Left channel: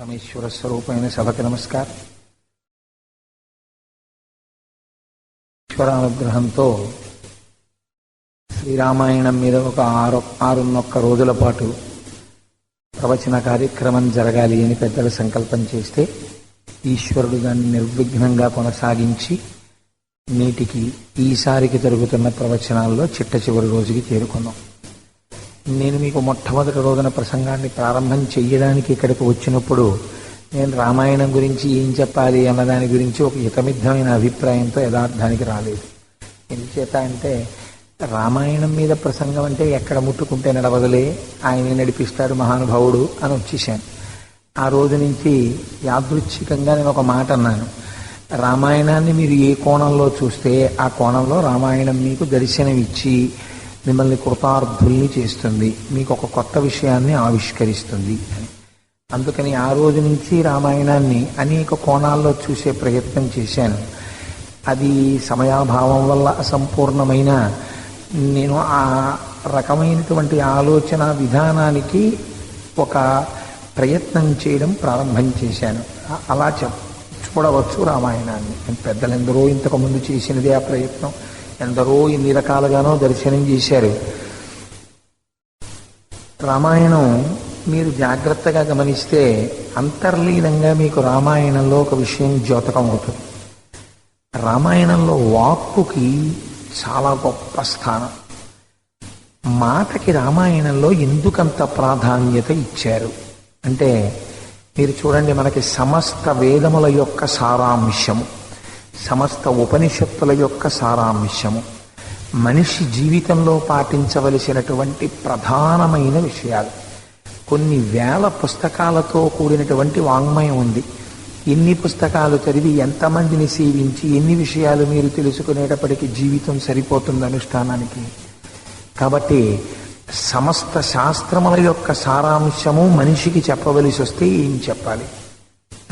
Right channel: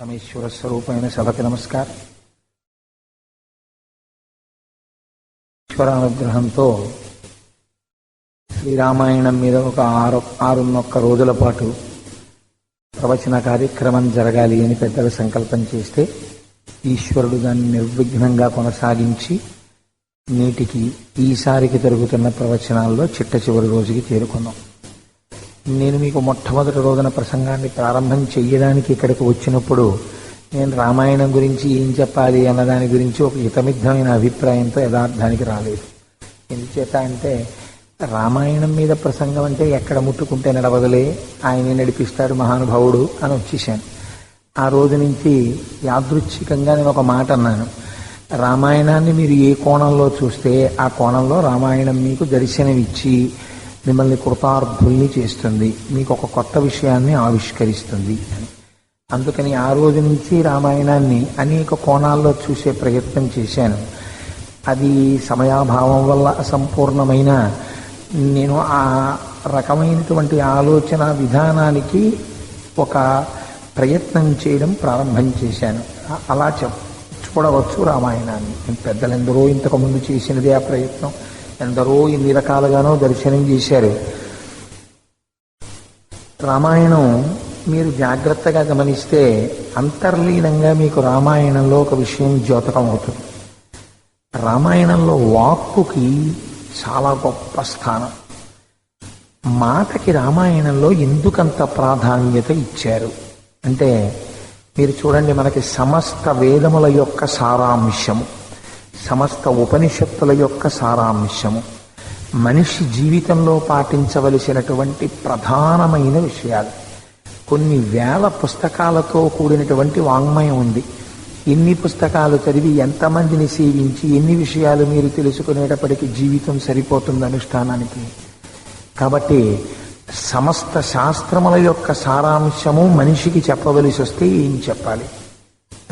పరమేశ్వర స్వరూపమైన సభకి నమస్కారం. ఈశ్వరానుగ్రహంతో శ్రీరామాయణం మీద ఒక 6 రోజుల పాటు ప్రవచన కార్యక్రమం జరగాలి అని పెద్దలు సంకల్పం చేస్తే ఈశ్వరుడు దాన్ని నిర్విఘ్నంగా కొనసాగించి నేటికి ఈసారికి జరుగుతున్న ప్రవచనాల్లో చిట్ట చివరి రోజుకి చేరుకున్నాం. నేను మీకు మొట్టమొదటి రోజున ప్రసంగాన్ని ప్రారంభం చెయ్యడానికి ఇక్కడికి వచ్చినప్పుడు నేను రామాయణం గురించి ఏం చెప్పాలి అన్నదాని గురించి ఒక హితమిద్ధమైన అభిప్రాయంతో యథార్థానికి రాలేదు. ఎందుచేత అంటే రామాయణం మీద ప్రసంగం అంటే ఎక్కడ ముట్టుకుంటే నడవదలే, ఆయనే నడిపిస్తాడు మహానుభావుడు అని వచ్చేసాను. ఆ రోజు నుంచి యాదృచ్ఛికంగా నేను ఒక మాట అన్నాను, రామాయణాన్ని మీరు ఏ కోణంలో చూస్తే ఆ కోణంలో రామాయణం మీకు దర్శనమిచ్చి మిమ్మల్ని కృతార్థుల్ని చేస్తుంది, మీకు ఒక కొత్త విషయాన్ని ఆవిష్కరిస్తుంది. అందుకని ఆ రోజు నుంచి రామాయణాన్ని అనేక కోణాల్లో చూసే ప్రయత్నం చేశాను. అది సమయాభావం వల్ల అసంపూర్ణమైన నేను ఆ రకమైనటువంటి ఆలోచన విధానానికి ఒక ప్రయత్నం చేయడం ప్రారంభం చేశాను. అలా చూడవచ్చు రామాయణాన్ని. పెద్దలెందరో ఇంతకుముందు చేసినదే ఆ ప్రయత్నం, ఎందరో ఇన్ని రకాలుగానో దర్శనం చేశారు. రామాయణం మీరు జాగ్రత్తగా గమనిస్తే అంతర్లీనంగా మీకు రామాయణంలో ఒక విషయం ద్యోతకం అవుతుంది. రామాయణంలో వాక్కుకి చాలా గొప్ప స్థానం. మాటకి రామాయణంలో ఎందుకంత ప్రాధాన్యత ఇచ్చారు అంటే మీరు చూడండి, మనకి సమస్త వేదముల యొక్క సారాంశము, సమస్త ఉపనిషత్తుల యొక్క సారాంశము, మనిషి జీవితంలో పాటించవలసినటువంటి ప్రధానమైన విషయాలు, కొన్ని వేల పుస్తకాలతో కూడినటువంటి వాంగ్మయం ఉంది. ఎన్ని పుస్తకాలు చదివి ఎంతమందిని సేవించి ఎన్ని విషయాలు మీరు తెలుసుకునేటప్పటికీ జీవితం సరిపోతుంది అనుష్ఠానానికి. కాబట్టి సమస్త శాస్త్రముల యొక్క సారాంశము మనిషికి చెప్పవలసి వస్తే ఏం చెప్పాలి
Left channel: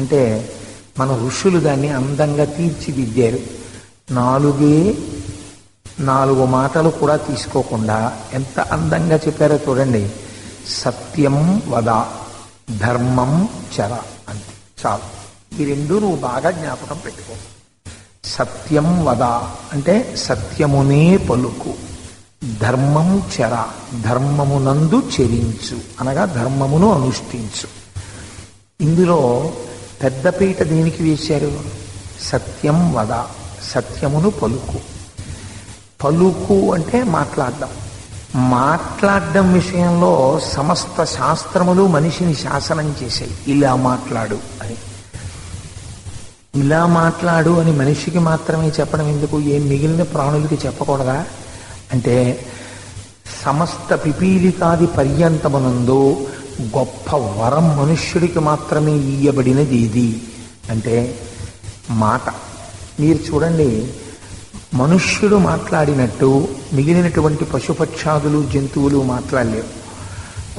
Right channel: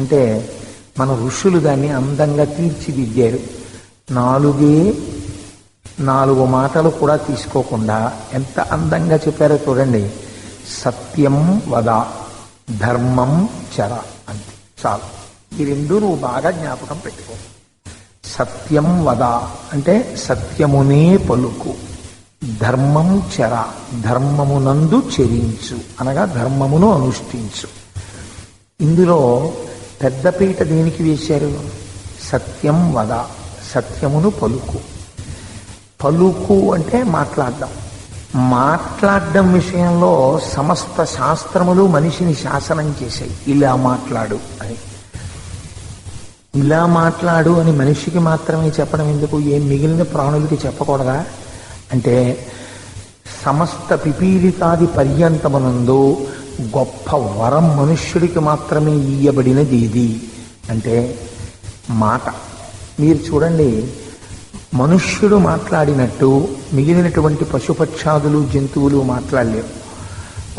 అంటే మన ఋషులు దాన్ని అందంగా తీర్చిదిద్దారు. 4 మాటలు కూడా తీసుకోకుండా ఎంత అందంగా చెప్పారో చూడండి. సత్యం వద, ధర్మం చర, అంతే చాలు. ఈ రెండు నువ్వు బాగా జ్ఞాపకం పెట్టుకో. సత్యం వద అంటే సత్యమునే పలుకు, ధర్మం చర ధర్మమునందు చెరించు అనగా ధర్మమును అనుష్ఠించు. ఇందులో పెద్దపీట దేనికి వేశారు? సత్యం వద, సత్యమును పలుకు. పలుకు అంటే మాట్లాడడం విషయంలో సమస్త శాస్త్రములు మనిషిని శాసనం చేశాయి. ఇలా మాట్లాడు అని, ఇలా మాట్లాడు అని మనిషికి మాత్రమే చెప్పడం ఎందుకు? ఏం మిగిలిన ప్రాణులకి చెప్పకూడదా అంటే సమస్త పిపీలికాది పర్యంతమునందు గొప్ప వరం మనుష్యుడికి మాత్రమే ఇయ్యబడినది ఇది అంటే మాట. మీరు చూడండి, మనుష్యుడు మాట్లాడినట్టు మిగిలినటువంటి పశుపక్షాదులు జంతువులు మాట్లాడలేవు.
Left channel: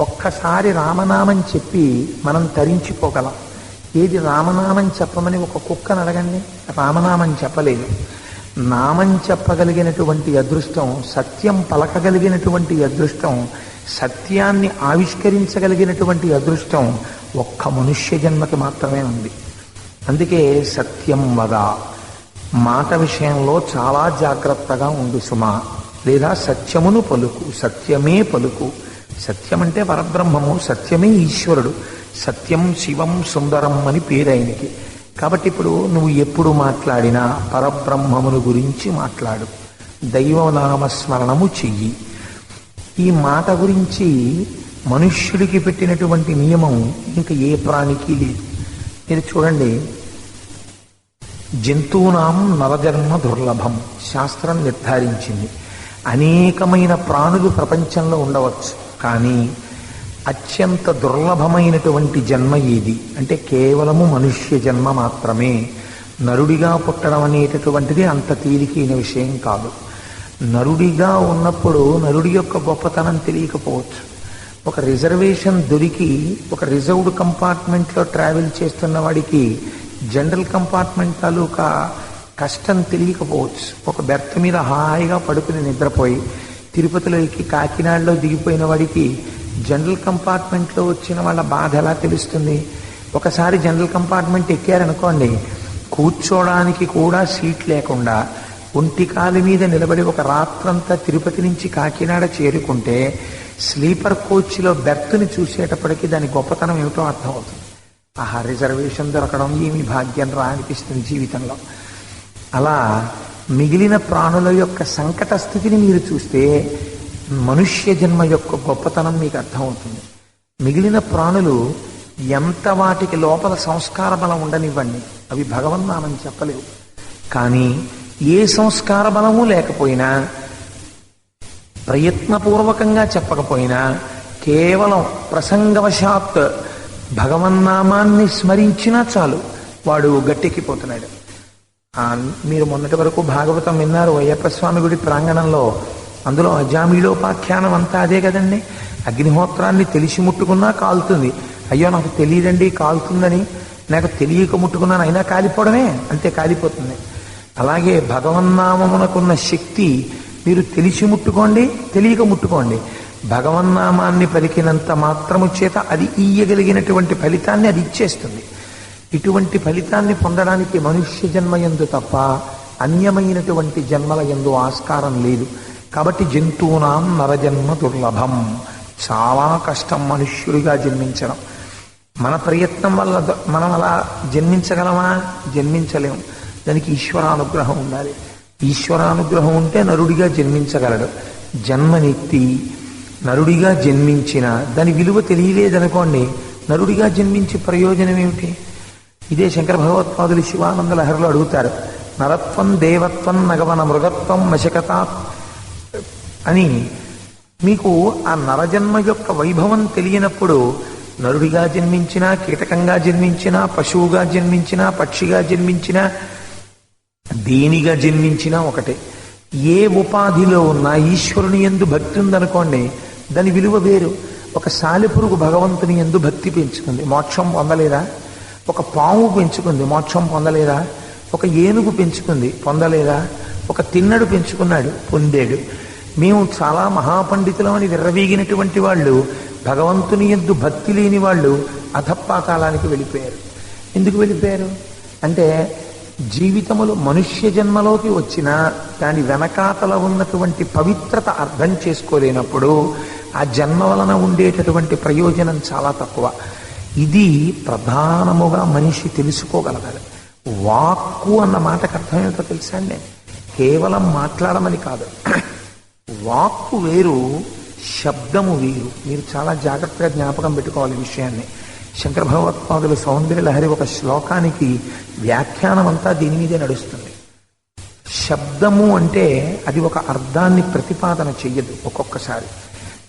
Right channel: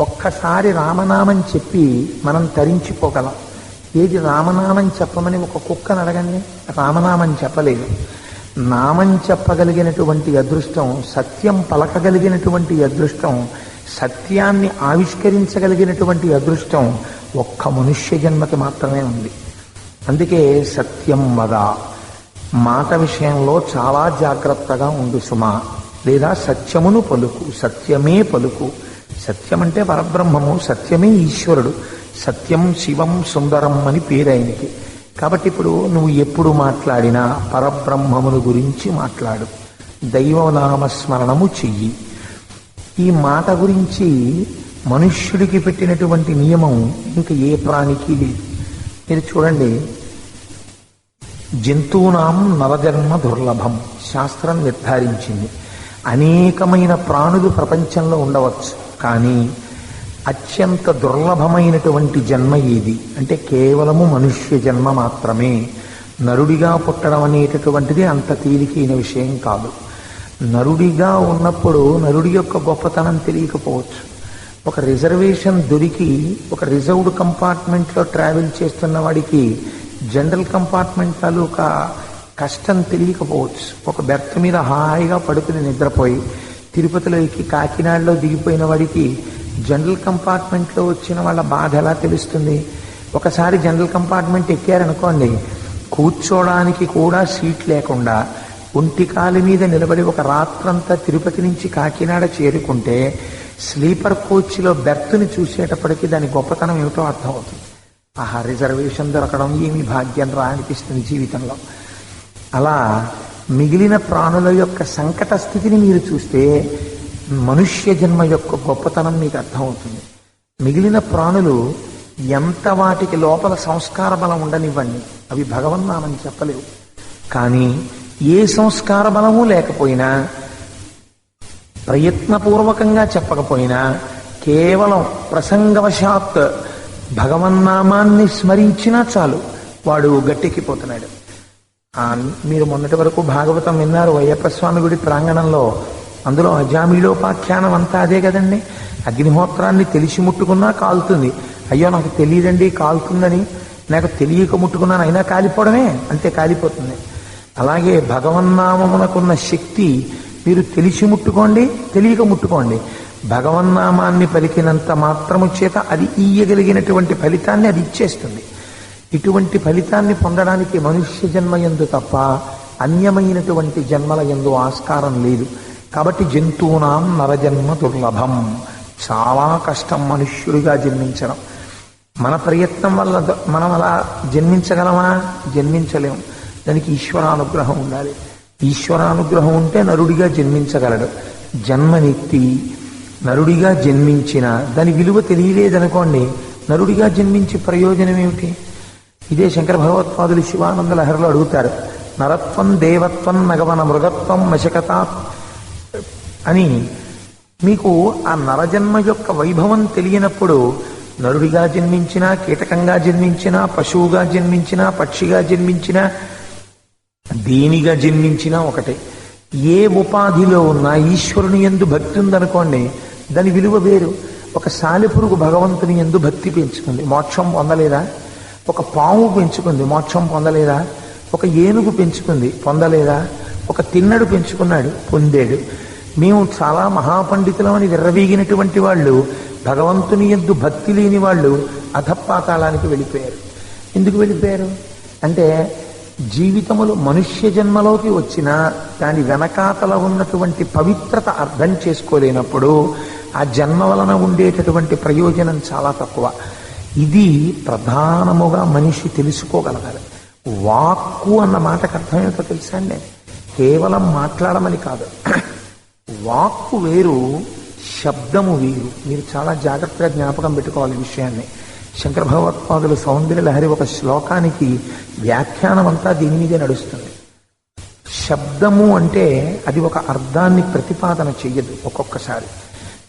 ఒక్కసారి రామనామం చెప్పి మనం తరించిపోగలం. ఏది రామనామం చెప్పమని ఒక కుక్కను అడగండి, రామనామం చెప్పలేదు. నామం చెప్పగలిగినటువంటి అదృష్టం, సత్యం పలకగలిగినటువంటి అదృష్టం, సత్యాన్ని ఆవిష్కరించగలిగినటువంటి అదృష్టం ఒక్క మనుష్య జన్మకి మాత్రమే ఉంది. అందుకే సత్యం వద, మాట విషయంలో చాలా జాగ్రత్తగా ఉండు సుమా. లేదా సత్యమును పలుకు, సత్యమే పలుకు. సత్యం అంటే పరబ్రహ్మము, సత్యమే ఈశ్వరుడు. సత్యం శివం సుందరం అని పేరు ఆయనకి. కాబట్టి ఇప్పుడు నువ్వు ఎప్పుడు మాట్లాడినా పరబ్రహ్మమును గురించి మాట్లాడు, దైవనామస్మరణము చెయ్యి. ఈ మాట గురించి మనుష్యుడికి పెట్టినటువంటి నియమం ఇంకా ఏ ప్రాణికి లేదు. మీరు చూడండి, జంతువునాం నరజన్మ దుర్లభం శాస్త్రం నిర్ధారించింది. అనేకమైన ప్రాణులు ప్రపంచంలో ఉండవచ్చు, కానీ అత్యంత దుర్లభమైనటువంటి జన్మ ఏది అంటే కేవలము మనుష్య జన్మ మాత్రమే. నరుడిగా పుట్టడం అనేటటువంటిది అంత తేలికైన విషయం కాదు. నరుడిగా ఉన్నప్పుడు నరుడి యొక్క గొప్పతనం తెలియకపోవచ్చు. ఒక రిజర్వేషన్ దొరికి ఒక రిజర్వ్డ్ కంపార్ట్మెంట్లో ట్రావెల్ చేస్తున్న వాడికి జనరల్ కంపార్ట్మెంట్ తాలూకా కష్టం తెలియకపోవచ్చు. ఒక బెర్త్ మీద హాయిగా పడుకుని నిద్రపోయి తిరుపతిలో ఎక్కి కాకినాడలో దిగిపోయిన వాడికి జనరల్ కంపార్ట్మెంట్లో వచ్చిన వాళ్ళ బాధ ఎలా తెలుస్తుంది? ఒకసారి జనరల్ కంపార్ట్మెంట్ ఎక్కారనుకోండి, కూర్చోడానికి కూడా సీట్ లేకుండా ఒంటికాలి మీద నిలబడి ఒక రాత్రంతా తిరుపతి నుంచి కాకినాడ చేరుకుంటే స్లీపర్ కోచ్లో బెర్త్ని చూసేటప్పటికీ దాని గొప్పతనం ఏమిటో అర్థం అవుతుంది. ఆహా, రిజర్వేషన్ దొరకడం ఏమి భాగ్యం రా అనిపిస్తుంది జీవితంలో. అలా మిగిలిన ప్రాణుల యొక్క సంకట స్థితిని మీరు చూస్తే మనుష్య జన్మ యొక్క గొప్పతనం మీకు అర్థమవుతుంది. మిగిలిన ప్రాణులు ఎంత వాటికి లోపల సంస్కార బలం ఉండనివ్వండి, అవి భగవన్నామని చెప్పలేవు. కానీ ఏ సంస్కార బలము లేకపోయినా, ప్రయత్నపూర్వకంగా చెప్పకపోయినా, కేవలం ప్రసంగవశాత్ భగవన్నామాన్ని స్మరించినా చాలు వాడు గట్టెక్కిపోతున్నాడు. మీరు మొన్నటి వరకు భాగవతం విన్నారు అయ్యప్ప స్వామి గుడి ప్రాంగణంలో. అందులో అజామిళోపాఖ్యానం అంతా అదే కదండి. అగ్నిహోత్రాన్ని తెలిసి ముట్టుకున్నా కాలుతుంది. అయ్యో నాకు తెలియదండి కాలుతుందని, నాకు తెలియక ముట్టుకున్నాను అయినా కాలిపోవడమే, అంతే కాలిపోతుంది. అలాగే భగవన్నామమునకున్న శక్తి మీరు తెలిసి ముట్టుకోండి, తెలియక ముట్టుకోండి, భగవన్నామాన్ని పలికినంత మాత్రము చేత అది ఇయ్యగలిగినటువంటి ఫలితాన్ని అది ఇచ్చేస్తుంది. ఇటువంటి ఫలితాన్ని పొందడానికి మనుష్య జన్మ యందు తప్ప అన్యమైనటువంటి జన్మల యందు ఆస్కారం లేదు. కాబట్టి జంతువునాం నరజన్మ దుర్లభం, చాలా కష్టం మనుష్యుడిగా జన్మించడం. మన ప్రయత్నం వల్ల మనం అలా జన్మించగలమా? జన్మించలేము. దానికి ఈశ్వరానుగ్రహం ఉండాలి. ఈశ్వరానుగ్రహం ఉంటే నరుడిగా జన్మించగలడు. జన్మనెత్తి నరుడిగా జన్మించిన దాని విలువ తెలియలేదనుకోండి, నరుడిగా జన్మించి ప్రయోజనం ఏమిటి? ఇదే శంకర భగవత్పాదులు శివానంద లహరిలో అడుగుతారు. నరత్వం దేవత్వం నగవన మృగత్వం వశకత అని. మీకు ఆ నరజన్మ యొక్క వైభవం తెలియనప్పుడు నరుడిగా జన్మించినా, కీటకంగా జన్మించినా, పశువుగా జన్మించినా, పక్షిగా జన్మించినా, దేనిగా జన్మించినా ఒకటే. ఏ ఉపాధిలో ఉన్నా ఈశ్వరుని యందు భక్తి ఉందనుకోండి, దాని విలువ వేరు. ఒక సాలెపురుగు భగవంతుని యందు భక్తి పెంచుకుంది, మోక్షం పొందలేదా? ఒక పాము పెంచుకుంది, మోక్షం పొందలేదా? ఒక ఏనుగు పెంచుకుంది, పొందలేదా? ఒక తిన్నడు పెంచుకున్నాడు, పొందాడు. మేము చాలా మహాపండితులమని విర్రవీగినటువంటి వాళ్ళు, భగవంతుని యందు భక్తి లేని వాళ్ళు అధపాతాళానికి వెళ్ళిపోయారు. ఎందుకు వెళ్ళిపోయారు అంటే, జీవితములు మనుష్య జన్మలోకి వచ్చినా దాని వెనకాతల ఉన్నటువంటి పవిత్రత అర్థం చేసుకోలేనప్పుడు ఆ జన్మ వలన ఉండేటటువంటి ప్రయోజనం చాలా తక్కువ. ఇది ప్రధానముగా మనిషి తెలుసుకోగలగాలి. వాక్కు అన్న మాటకు అర్థమేంటో తెలుసా అండి? కేవలం మాట్లాడమని కాదు. వాక్కు వేరు, శబ్దము వేరు. మీరు చాలా జాగ్రత్తగా జ్ఞాపకం పెట్టుకోవాలి ఈ విషయాన్ని. శంకర భగవత్పాదులు సౌందర్య లహరి ఒక శ్లోకానికి వ్యాఖ్యానం అంతా దీని మీదే నడుస్తుంది. శబ్దము అంటే అది ఒక అర్థాన్ని ప్రతిపాదన చెయ్యదు. ఒక్కొక్కసారి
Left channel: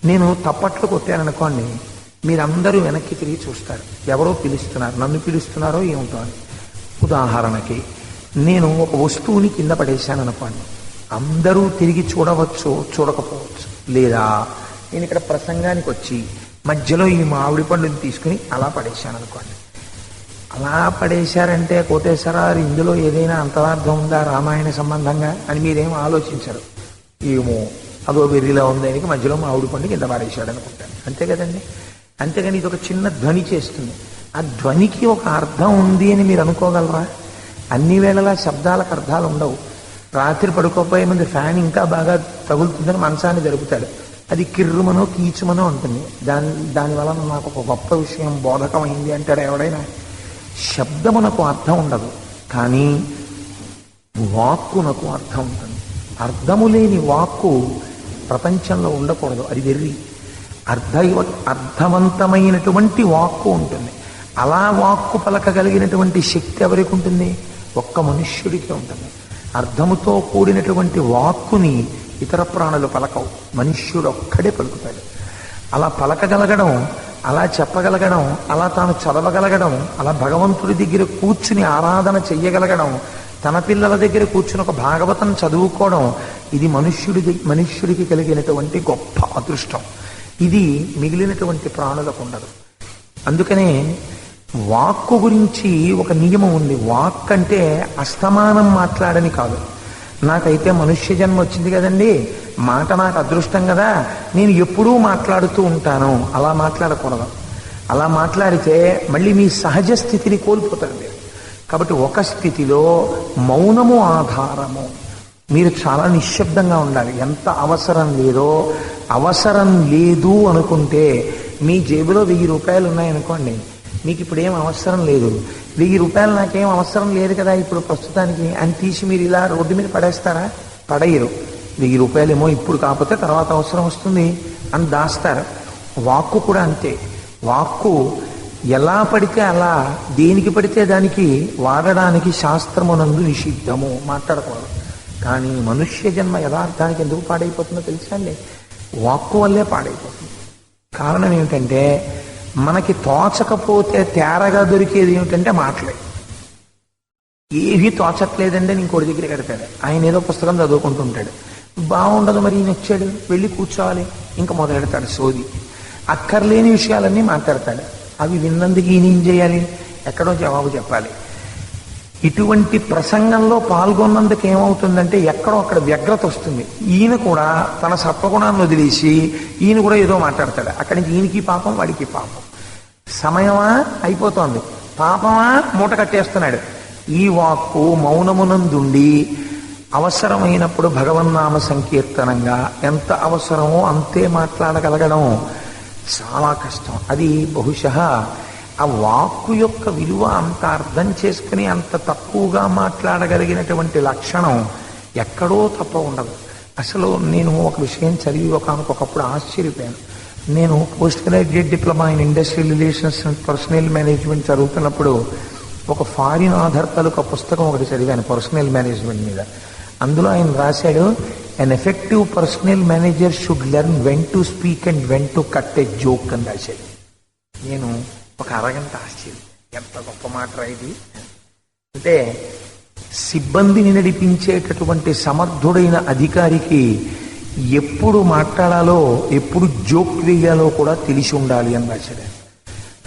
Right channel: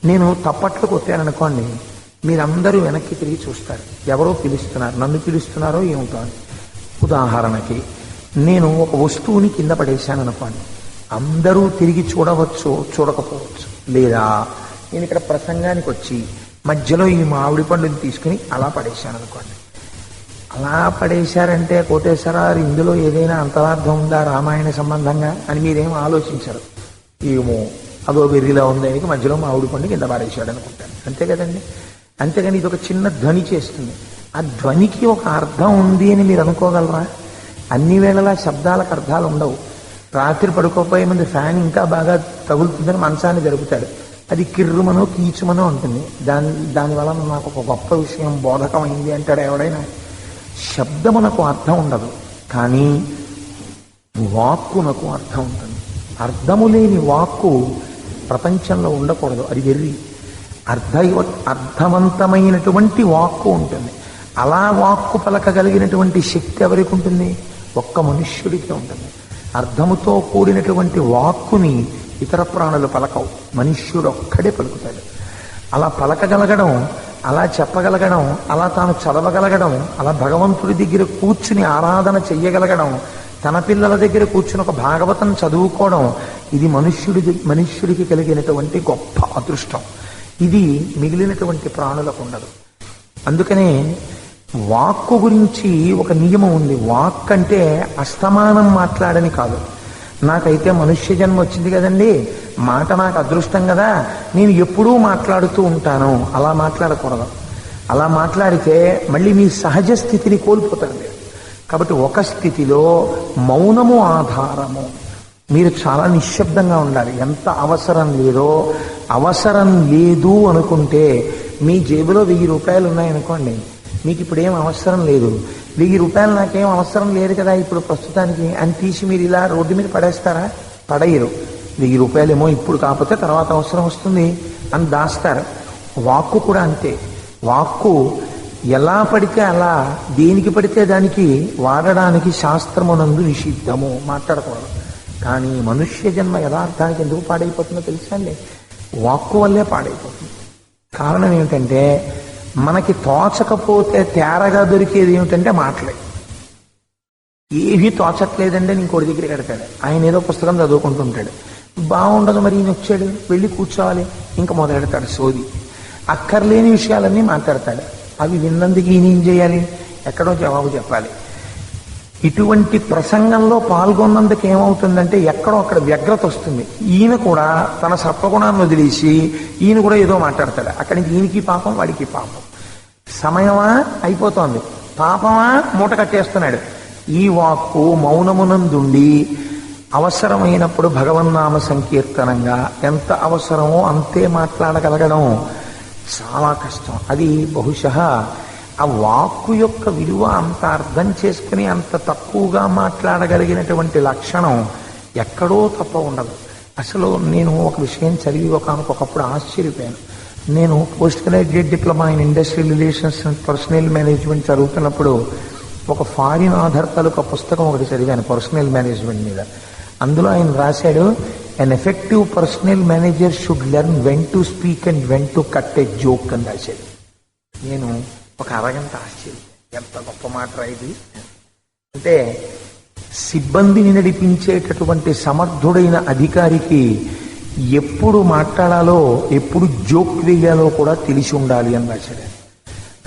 నేను తప్పట్లు కొట్టాననుకోండి, మీరందరూ వెనక్కి తిరిగి చూస్తారు, ఎవరో పిలుస్తున్నారు, నన్ను పిలుస్తున్నారో ఏమిటో అని. ఉదాహరణకి నేను ఒక వస్తువుని కింద పడేశాను అనుకోండి, అందరూ తిరిగి చూడవచ్చు, చూడకపోవచ్చు. లేదా నేను ఇక్కడ ప్రసంగానికి వచ్చి మధ్యలో ఈ మామిడి పండుని తీసుకుని అలా పడేశాను అనుకోండి. అలా పడేశారంటే కోటేశ్వరారు ఇందులో ఏదైనా అంతరార్థం ఉందా రామాయణ సంబంధంగా అని మీరేం ఆలోచించరు. ఏమో అదో వెర్రిలా ఉందని మధ్యలో మామిడి పండు కింద పడేశాడు అనుకుంటాను, అంతే కదండి. అంతేగాని ఇది ఒక చిన్న ధ్వని చేస్తుంది. ఆ ధ్వనికి ఒక అర్థం ఉంది అని మీరు అనుకోగలరా? అన్ని వేళలా శబ్దాలకు అర్థాలు ఉండవు. రాత్రి పడుకోపోయే ముందు ఫ్యాన్ ఇంకా బాగా తగులుతుందని మనసాన్ని జరుపుతాడు, అది కిర్రుమనో కీచుమనో ఉంటుంది. దానివల్ల నాకు ఒక గొప్ప విషయం బోధకమైంది అంటాడు ఎవడైనా. శబ్దమునకు అర్థం ఉండదు, కానీ వాక్కునకు అర్థం ఉంటుంది. అర్థము లేని వాక్కు ప్రపంచంలో ఉండకూడదు, అది వెర్రి. అర్థవంతమైనటువంటి వాక్కు ఉంటుంది. అలా వాక్కు పలకగలిగినటువంటి శక్తి ఎవరికి ఉంటుంది? ఒక్క మనుష్యుడికి ఉంటుంది. అర్థముతో కూడినటువంటి వాక్కుని ఇతర ప్రాణులు పలకవు, మనుష్యుడు ఒక్కడే పలుకుతాడు. అలా పలకగలగడం, అలా చెప్పగలగడం, అలా తాను చదవగలగడం, అలా భగవంతుడి దగ్గర కూర్చుని ఆరాధన చెయ్యగలగడం, తన పిల్లల దగ్గర కూర్చుని ఒక భాగవతం చదువుకోవడం, ఇది మనుష్యుడికి కలిగినటువంటి గొప్ప అదృష్టం. ఇది మిగిలినటువంటి ప్రాణులకు ఉండదు. అందుకనే వాక్కు గురించి ఒక నియమం ఉంది. వాక్ అంటే అస్తమానం మాట్లాడని కాదు. నాకైతే మనుష్య జన్మ వచ్చింది కదండి, మాట నాకు అదృష్టం కదా, నేను ఎప్పుడూ మాట్లాడుతూ ఉంటాను, అలా మాట్లాడకూడదు. అలా మాట్లాడితే మళ్ళీ మీ సహజ స్థితిని కోల్పోతారు మీరు. కాబట్టి ఒక స్థితిలో మౌనము ఆధారము. మీరు చాలా నిశ్శబ్దంగా ఉండాలి. ఎంత అవసరం లేదో, అవసరం లేదు అనుకుంటే, మీ జేబులో 1000 రూపాయలు ఉన్నాయనుకోండి, మీకు ఇప్పుడు ఏం అవసరం లేదు, 1000 రూపాయలు నాకేం అవసరం లేదు కదా ఇప్పుడు ప్రస్తుతానికి అని తీసి మీరు ఇలా రోడ్డు మీద పడేస్తారా? పడేయరు. 1000 రూపాయలేమో ఇప్పుడు కాకపోతే తర్వాత అవసరం వస్తుంది అని దాస్తారు. వాక్కు కూడా అంతే. వాక్కు ఎలా పడితే అలా, దేనికి పడితే దానికి వాడడానికి శాస్త్రమునందు నిషిద్ధము, మాట్లాడతారు. కానీ మనుష్య జన్మ యథార్థానికి ఎందుకు పాడైపోతుందో తెలుసా అండి? వాక్కు వల్లే పాడైపోతుంది. కారణం ఏమిటంటే, మనకి తోచకపోతే తేరగా దొరికేది ఏమిటంటే మాటలే. ఏవి తోచట్లేదంటే ఇంకోటి దగ్గర కడతాడు. ఆయన ఏదో పుస్తకం చదువుకుంటుంటాడు, బాగుండదు, మరి ఈయన వచ్చాడు, వెళ్ళి కూర్చోవాలి, ఇంకా మొదలెడతాడు సోది. అక్కర్లేని విషయాలన్నీ మాట్లాడతాడు. అవి విన్నందుకు ఈయన ఏం చేయాలి? ఎక్కడో జవాబు చెప్పాలి. ఇటువంటి ప్రసంగంలో పాల్గొన్నందుకు ఏమవుతుందంటే, ఎక్కడో అక్కడ వ్యగ్రత వస్తుంది. ఈయన కూడా తన సత్వగుణాన్ని వదిలేసి ఈయన కూడా ఏదో మాట్లాడతాడు. అక్కడి నుంచి ఈయనకి పాపం, వాడికి పాపం. సమయమా అయిపోతోంది, పాపమా మూట కట్టేస్తున్నాడు. ఈ వాక్కు మౌనమునందుండి అవసరమైనప్పుడు భగవన్నామ సంకీర్తనంగా ఎంత అవసరమో అంతే మాట్లాడగలగడం చాలా కష్టం. అది బహుశः ఆ వాక్కు యొక్క విలువ అంత అర్థం చేసుకుని అంత తక్కువగా మాట్లాడగలిగినటువంటి లక్షణం ఎక్కడో తప్ప ఉండదు. అసలు నేను ఒక విషయం చదివి ఒకప్పుడు ఆశ్చర్యపోయాను. నేను post graduate diploma in industrial relations and personal management చదువుతున్నప్పుడు ఒక ఫారిన్ ఆధార్ తాలూకా పుస్తకం ఒకటి చదివాను పర్సనల్ మేనేజ్మెంట్ మీద. అందులో ఆయన రాశాడు, an effective personal manager should learn when to speak and when to cut a joke అని రాశాడు. నేను ఒక అరగంట ఆశ్చర్యం, ఎంత గొప్ప మాట రాయదు. అంటే సిబ్బందిని నడిపించేటటువంటి సమర్థుడైన అధికారికి ఎప్పుడు మాట్లాడాలో, ఎప్పుడు జోక్ వేయాలో కూడా తెలిసి ఉండాలి అని రాశాడు.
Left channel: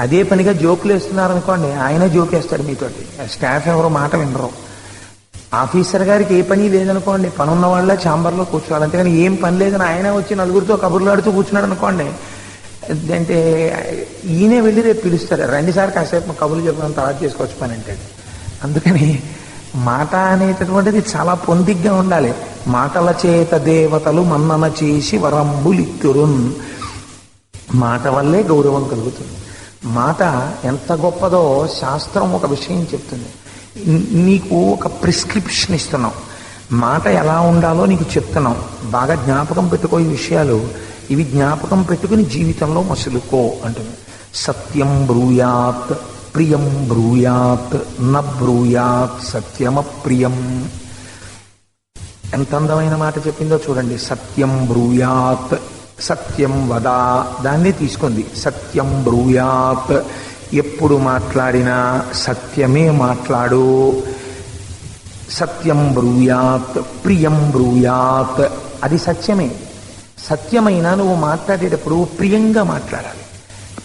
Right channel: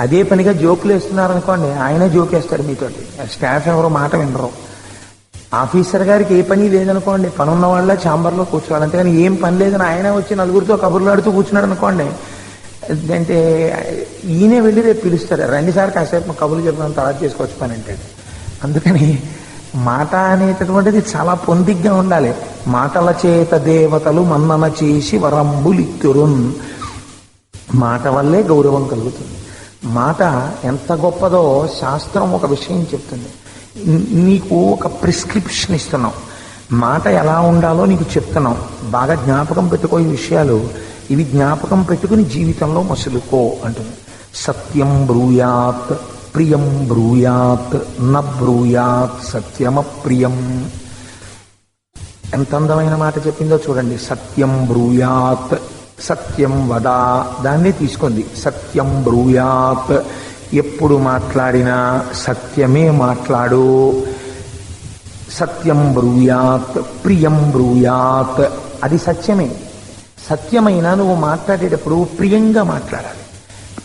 అదే పనిగా జోకులు వేస్తున్నారనుకోండి, ఆయనే జోకేస్తాడు మీతోటి. స్టాఫ్ ఎవరు మాట వినరు. ఆఫీసర్ గారికి ఏ పని లేదనుకోండి, పనున్న వాళ్ళ ఛాంబర్లో కూర్చోవాలి. అంతేగాని ఏం పని లేదని ఆయన వచ్చి నలుగురితో కబుర్లాడుతూ కూర్చున్నాడు అనుకోండి, అంటే ఈయనే వెళ్ళి రేపు పిలుస్తాడు, రండి సార్ కాసేపు కబుర్లు చెప్పాలని తర్వాత చేసుకోవచ్చు పని అంటాడు. అందుకని మాట అనేటటువంటిది చాలా పొందిగ్గా ఉండాలి. మాటల చేత దేవతలు మన్నన చేసి వరంబులిత్తురున్. మాట వల్లే గౌరవం కలుగుతుంది. మాట ఎంత గొప్పదో శాస్త్రం ఒక విషయం చెప్తుంది. నీకు ఒక ప్రిస్క్రిప్షన్ ఇస్తున్నాం, మాట ఎలా ఉండాలో నీకు చెప్తున్నాం. బాగా జ్ఞాపకం పెట్టుకో ఈ విషయాలు, ఇవి జ్ఞాపకం పెట్టుకుని జీవితంలో మసులుకో అంటున్నాం. సత్యం బ్రూయాత్ ప్రియం బ్రూయాత్ న బ్రూయాత్ సత్యమప్రియం. ఎంత అందమైన మాట చెప్పిందో చూడండి. సత్యం బ్రూయాత్, సత్యం వదా, దాన్ని తీసుకుంది. సత్యం బ్రూయాత్, ఎప్పుడు మాట్లాడినా సత్యమే మాట్లాడు. సత్యం బ్రూయాత్ ప్రియం బ్రూయాత్, అది సత్యమే. సత్యమైనా నువ్వు మాట్లాడేటప్పుడు ప్రియంగా మాట్లాడాలి.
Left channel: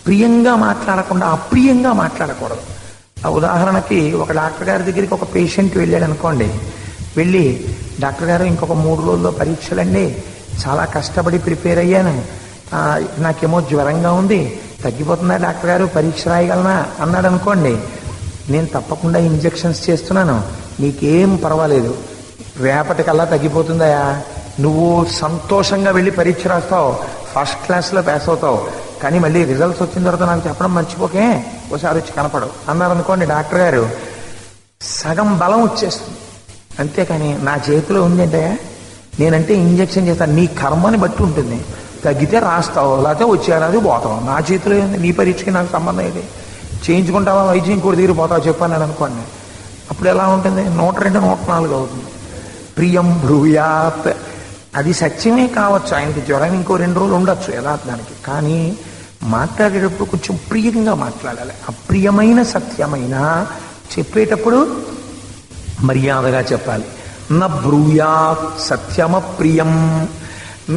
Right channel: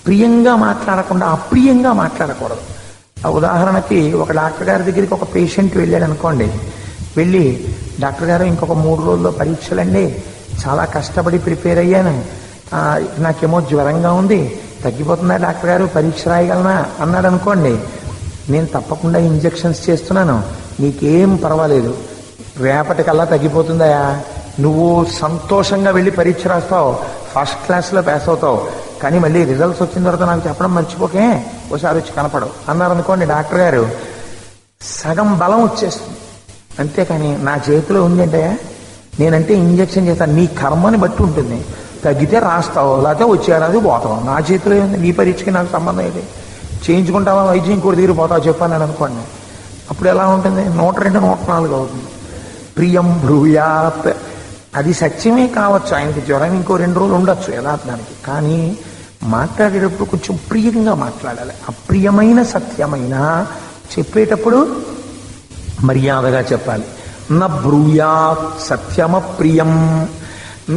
ప్రియంగా మాట్లాడకుండా అప్రియంగా మాట్లాడకూడదు. ఉదాహరణకి ఒక డాక్టర్ గారి దగ్గరికి ఒక పేషెంట్ వెళ్ళాడు అనుకోండి, వెళ్ళి డాక్టర్ గారు ఇంకొక 3 రోజుల్లో పరీక్షలండి, చాలా కష్టపడి ప్రిపేర్ అయ్యాను, నాకేమో జ్వరంగా ఉంది, తగ్గిపోతుందా డాక్టర్ గారు, పరీక్ష రాయగలనా అన్నాడు అనుకోండి, నేను తప్పకుండా ఇంజెక్షన్స్ చేస్తున్నాను, నీకేం పర్వాలేదు, రేపటికల్లా తగ్గిపోతుందా, నువ్వు సంతోషంగా వెళ్ళి పరీక్ష రాస్తావు, ఫస్ట్ క్లాస్లో పాస్ అవుతావు, కానీ మళ్ళీ రిజల్ట్స్ వచ్చిన తర్వాత నాకు చెప్పడం మర్చిపోకే, ఒకసారి వచ్చి కనపడవు అన్నారు అనుకోండి, డాక్టర్ గారు సగం బలం వచ్చేస్తుంది. అంతేకాని నా చేతిలో ఉందంటే నేనంటే ఇంజెక్షన్ చేస్తాను, నీ కర్మని బట్టి ఉంటుంది, తగ్గితే రాస్తావు, లేకపోతే వచ్చేది పోతావు, నా చేతిలో ఉంది, నీ పరీక్షకి నాకు సంబంధం ఏంటి, చేయించుకుంటావా వైద్యం ఇంకోటి దగ్గర పోతావు చెప్పాను అనుకోండి, అప్పుడు ఎలా ఉంటుంది, 102, 104 అవుతుంది. ప్రియం బ్రూయాత్, అది సత్యమే కావచ్చు, ఆయనకి జ్వరం ఇంకో 2 రోజులు ఉండొచ్చు యథార్థానికి, కానీ మాట్లాడేటప్పుడు కొంచెం ప్రియంగా మాట్లాడాలి. అప్రియమైన సత్యమైన చెప్పేటప్పుడు మర్యాదగా చెప్పాలి. న బ్రూయాత్ సత్యమప్రియం,